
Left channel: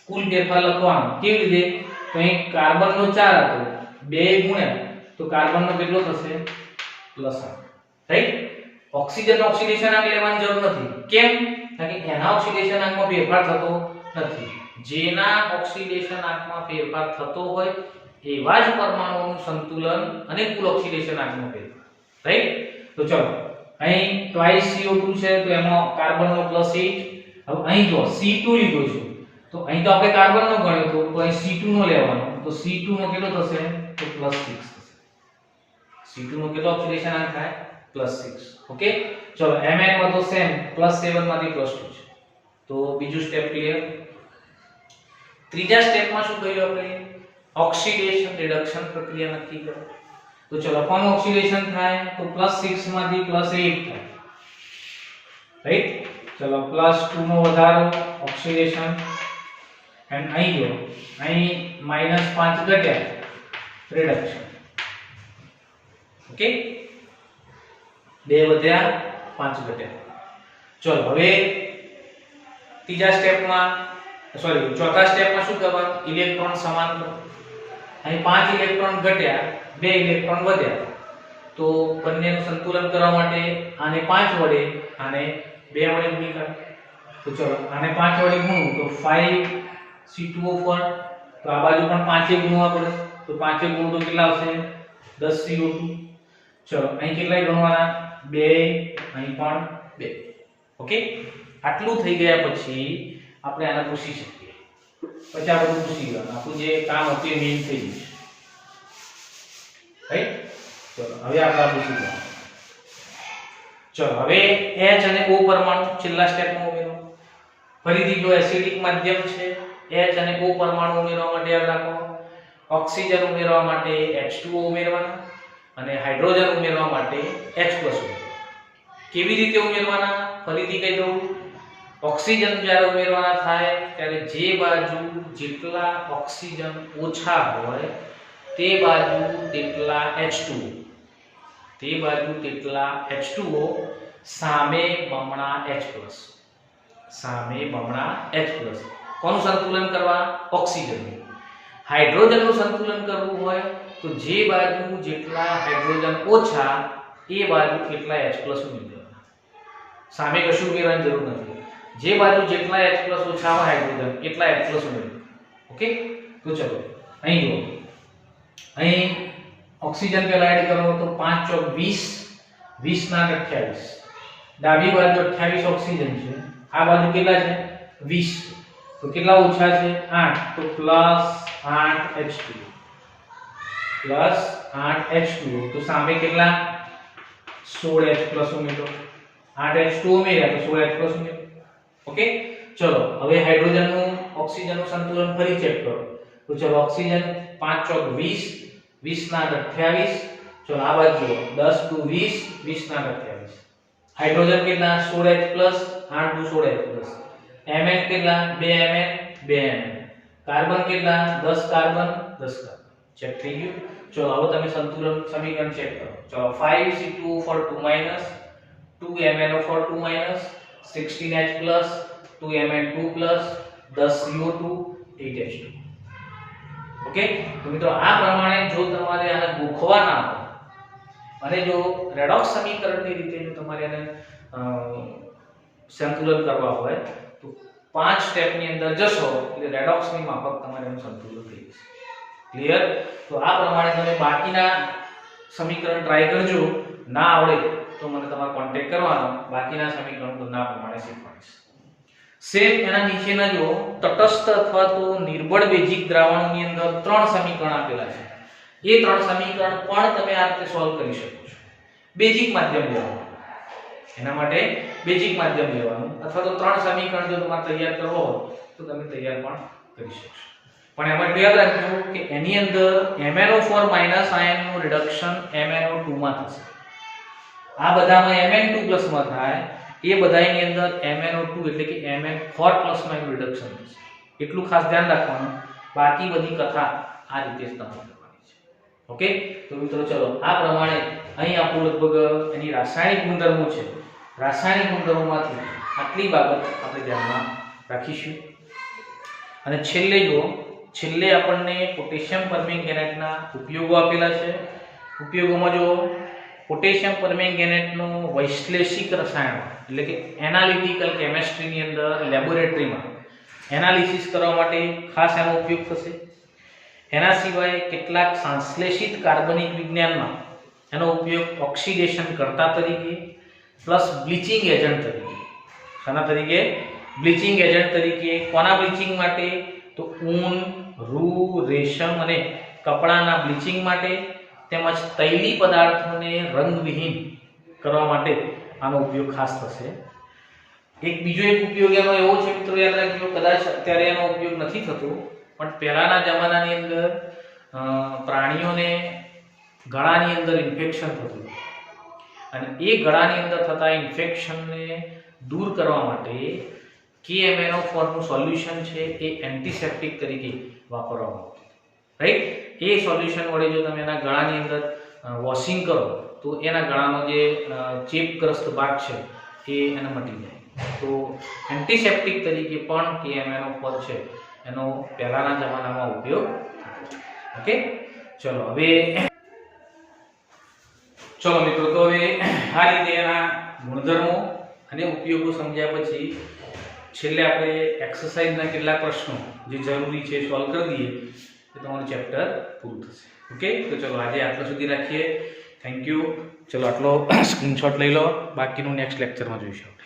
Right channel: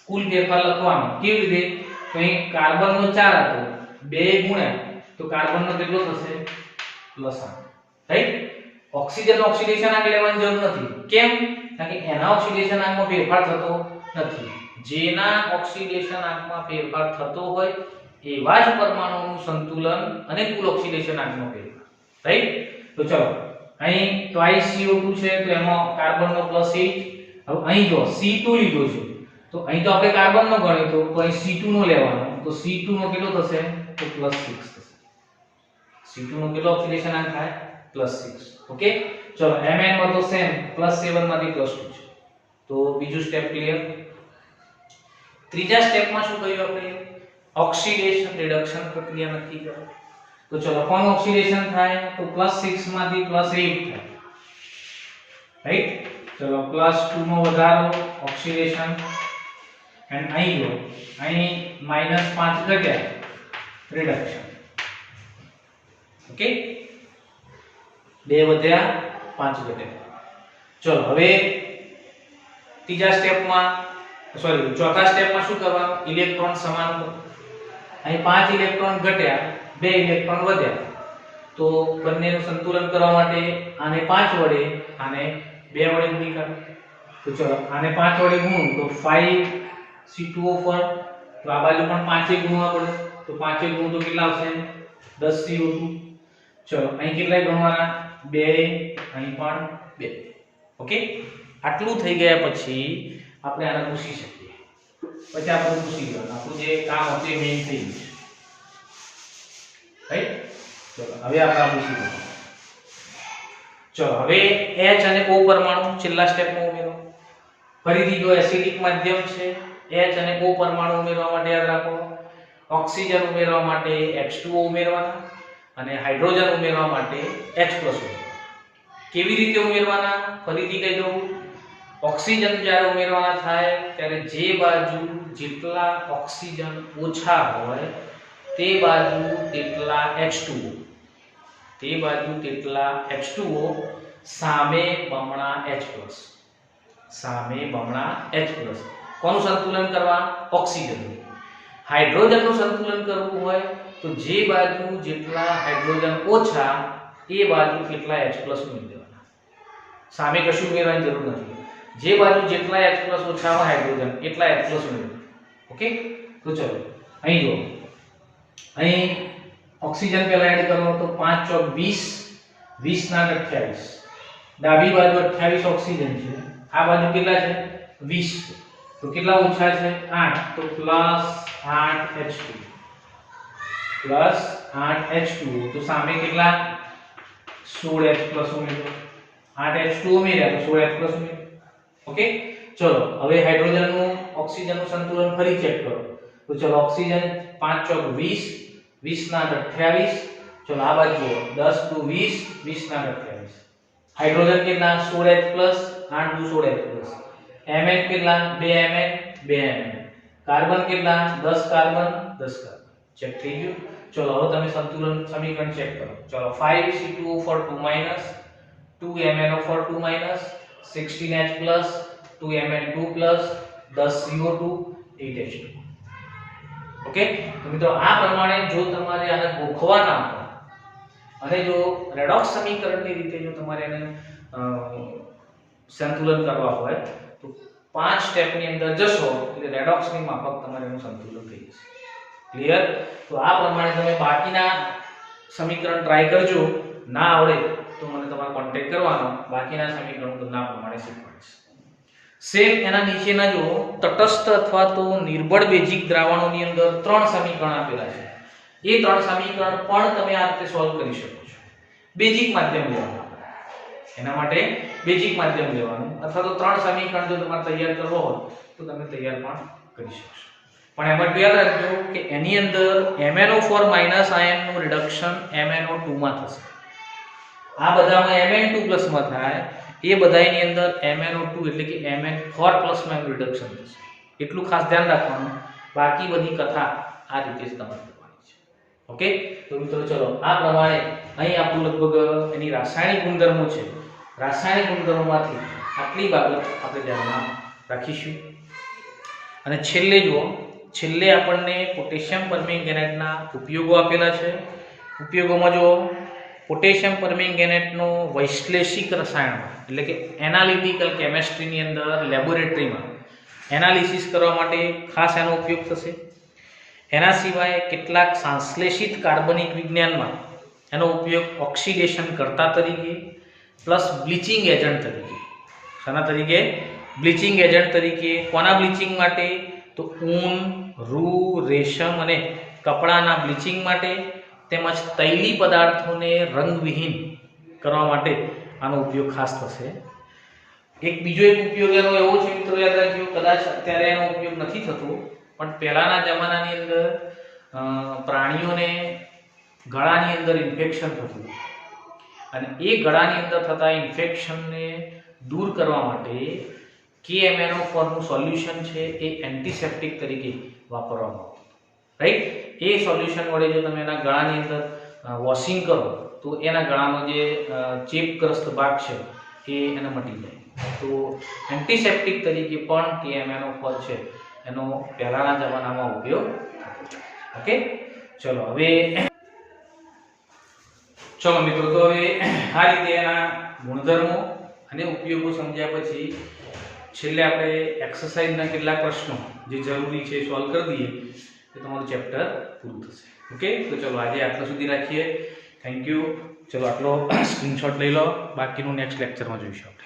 કુલ ફેરફાર લખવાનો. કેવી રીતે? તો અહીં કાર્બનનો 4 હતો, 2 ગુણ્યા તો કાર્બનનો કેટલો થશે? +8. રાઈટ, ઓક્સિજનનો ઓક્સિડેશન આંક લેવાની જરૂર નથી. કેમ? કારણ કે એના ઓક્સિડેશન આંકમાં ફેરફાર થતો નથી. જેના ઓક્સિડેશન આંકમાં ફેરફાર થતો હોય એવા જ પરમાણુઓનું સંતુલન અને કુલ ઓક્સિડેશન આંકનો ફેરફાર. રાઈટ, તો ચલો અહીં ટ્વાઇસ CO2 છે તો એમાં કાર્બનનો +8. હવે અહીં જો C2 લીધો છે તો અહીં તો આપણે કાર્બનનો ગણ્યો તો અહીં C2 નો લેવાનો, તો C2 નો કેટલો થશે? તો +6 થશે. C2 નો કેટલો ઓક્સિડેશન આંક થાય? +6. ઓકે, ચલો Mn માં તો સેમ +7 માંથી +2 છે, તો બીજું સ્ટેપ ક્લિયર. ત્રીજા સ્ટેપમાં શું કર્યું આપણે? ઓક્સિડેશન રિડક્શન પ્રક્રિયા નક્કી કરો. તો ચલો કોનું ઓક્સિડેશન થાય? તો +6 માંથી +8 થાય. રાઈટ, ચલો +2 નો વધારો ઓક્સિડેશન, એન્ડ અહીં જો અહીં -5 ઘટ્યા રિડક્શન. ઓકે, 2 વધ્યા 5 ઘટ્યા. ચલો હવે ત્રીજા સ્ટેપમાં ચોથા સ્ટેપમાં શું કરવાનું? ઇલેક્ટ્રોન સમાન કરો. અહીં 5 ઇલેક્ટ્રોન ઘટ્યા, 2 ઇલેક્ટ્રોન વધ્યા, તો બંનેનું સંતુલન કરવા માટે આને 5 વડે આને 2 વડે ગુણી કાઢો. તો ચલો આને 5 વડે ગુણું તો 5C2O4, તો આ બાજુ પણ 5 એ ગુણવા પડે, તો 5 એ ગુણ તો કેટલા આવશે? 10CO2. ચલો અહીં કેટલાય ગણવાના? 2, અહીં પણ 2. ઓકે, આટલું થઈ ગયા પછી આપણે આને પૂછી શકીએ. પછી આ બધું પૂછી ગયું, આપણું જે કામ હતું એ મેઇન થઈ ગયું છે. રાઈટ? ચલો હવે આપણે પૂછી ગયું. ચલો હવે H અને O પરમાણુ છેલ્લા સ્ટેપમાં ઉમેરો. ફરીથી જો એસિડિક માધ્યમ છે, H અને O પરમાણુ ઉમેરવા માટે યાદ રાખો, ઓક્સિજન ઉમેરવા માટે H2O ઉમેરવાના અને હાઇડ્રોજન ઉમેરવા માટે H+ ઉમેરવાના. કેવી રીતે ઉમેરવાના? ફરીથી કહી દઉં, ઓક્સિજન જ્યારે ઉમેરવાના થાય ત્યારે જે બાજુ જેટલા ઓક્સિજન ઓછા હોય તે બાજુ તેટલા H2O, તે બાજુ તેટલા H2O, સામે બમણા H+, સામે બમણા H+. કોનું સંતુલન કરવા? ઓક્સિજનનું. હાઇડ્રોજનનું સંતુલન કરવું હોય તો જે બાજુ જેટલા હાઇડ્રોજન ઓછા એ બાજુ કેટલા H+ ઉમેરી દેવાના. સામે કશું ઉમેરવાની જરૂર નથી. જે બાજુ જેટલા H+ ઓછા હોય હાઇડ્રોજન એટલા H+ ઉમેરવું. ઓકે, તો ચલો અહીં જો, અહીં ઓક્સિજન પહેલા એડ કરો તો 5 ચોક 20, 20 ના 28. ડાબી બાજુ 28 ઓક્સિજન છે, આ બાજુ કેટલા છે? 20. તો કેટલા ઓછા છે? 8. તો +8H2, +8H2. તો સામે કેટલા? 16H+ ઉમેરો. 8H2 ઉમેર્યા તો 16H+ ઉમેરો. ઓકે, ચલો હવે હાઇડ્રોજનનું ઓક્સિજનનું સંતુલન ફરી ચેક કરો. તો ચલો ઓક્સિજન 5 ચોક 20, 20 ના 28. ચલો આ બાજુ 10 દુ 20, 20 ના 28. હાઇડ્રોજન કેટલા? 16H+, 8 દુ 16H+. Mn કેટલા? 2Mn, 2Mn. કાર્બન કેટલા? 10 કાર્બન, 10 કાર્બન. ચેક થઈ ગયું. ચલો હવે તમે સંતુલન સમીકરણ ચેક કરો. ચલો 5C2O4 2 2MnO4 2 16H+, 2Mn2+, 10CO2, 8H2. Okay, તો મિત્રો આ પ્રમાણે જો તમારે આને ગોખવાના હોય અને જો રેડોક્સ સમીકરણની રીતે જો તમારે આને સંતુલન કરવા હોય તો 5 સ્ટેપની અંદર જશો એટલે રેડોક્સની માફક તમારે એનું સંતુલન થઈ જશે. ક્લિયર? તો આ પ્રમાણે તમે બાકીના સમીકરણ ટ્રાય કરજો. ના આવડે તો મને તમારો કોન્ટેક્ટ કરવાનો, બાકીના સમીકરણો તમને આ પ્રમાણે શીખવાડીશ. સેમ એના નીચેના જો તટસ્થ અથવા તો નિર્બળ બેઝિક દ્રાવણોની અંદર 3 સમીકરણ આપેલા છે. એ 3 સમીકરણ પણ તમે આ રીતે સોલ્વ કરી શકો છો. બેઝિક માધ્યમ લેવાનું, એના માટે બેઝિક માધ્યમ લેવાનું, અથવા તો 3 સમીકરણ જો તમારે તૈયાર કરવો હોય તો તમે તૈયાર પણ કરી શકશો. પણ એમાં યાદ રાખજો કે એની અંદર MnO4- આયનનું રિડક્શન MnO2 માં થશે. આ બધામાં Mn2+ માં થાય, એ બધાની અંદર MnO2 એટલે કે Mn4+ માં રિડક્શન થશે. એટલું ખાસ ધ્યાન રાખવાનું. બાકી બધી કથા આ રીતે જ તમારે કરવાની છે. ઓકે, તો મિત્રો ચલો આ પ્રમાણે અહીં આપણું લગભગ એની રાસાયણિક ગુણધર્મો છે. રાસાયણિક ગુણધર્મોમાંથી આટલી બાબત આપણે ધ્યાનમાં રાખીશું. અને છેલ્લે જુઓ, છેલ્લે આપણને પોટેશિયમ પરમેંગેનેટના ઉપયોગો આપેલા છે. ઉપયોગોમાં જો પોટેશિયમ પરમેંગેનેટનો વૈશ્લેષિક રસાયણ એટલે કે એનાલિટિકલ કેમિસ્ટ્રીની અંદર લેબોરેટરીમાં એનાલિસિસ કરવા માટે ખાસ એનો ઉપયોગ થશે. એના સિવાય કેટલાક સંશ્લેષિત કાર્બનિક વિજ્ઞાનમાં એનો ઉપયોગ ઓક્સિડેશન કરતા તરીકે પ્લસ બ્લીચિંગ એજન્ટ તરીકે. શાના તરીકે? બ્લીચિંગ એજન્ટ તરીકે. કોના બ્લીચિંગ માટે? તો ઊન, રૂ, રેશમ અને કપડાના બ્લીચિંગ માટે, તેમજ તૈલી પદાર્થોને રંગવિહીન કરવા માટે આનો ઉપયોગ ખાસ થશે. એક બીજો એક ઉપયોગ એનો એવો છે મિત્રો, યાદ રાખજો, કદાચ અત્યારે એનો ઉપયોગ નથી થતો, પણ પહેલાના જમાનાની અંદર પ્રાણીઓને ગળાની અંદર ઇન્ફેક્શન થતું અને એ ગળાની અંદર થતા ઇન્ફેક્શનને દૂર કરવા માટે KMnO4 નું સોલ્યુશન છે એ એન્ટિસેપ્ટિક તરીકે વાપરવામાં આવતું. રાઈટ? એ સોલ્યુશન વડે જો તમે એના ગળાની અંદર વોશિંગ કરો તો એના ગળાનો જે ચેપગ્રસ્ત ભાગ છે એ એને મટી જાય. તો એન્ટિસેપ્ટિક તરીકે પણ KMnO4 છે એનો પહેલાના જમાનામાં ઉપયોગ. ઓકે, ચલો હવે ચલો મિત્રો, તો હવે આ રીતે એના ગુણધર્મો અને ઉપયોગો સમજ્યા પછી છેલ્લે આપણે એક્સરસાઇઝના કેટલાક પ્રશ્નો જે જરૂરી છે સોલ્વ કરી દઈએ તો તમારું ચેપ્ટર પૂરું થશે. ઓકે, તો ચલો આજે આટલા સુધી રાખીએ. Thank you. ચલો આટલો સ્ક્રીનશોટ લઈ લો, બાકીનું નેક્સ્ટ લેક્ચરમાં જોઈશું આપણે.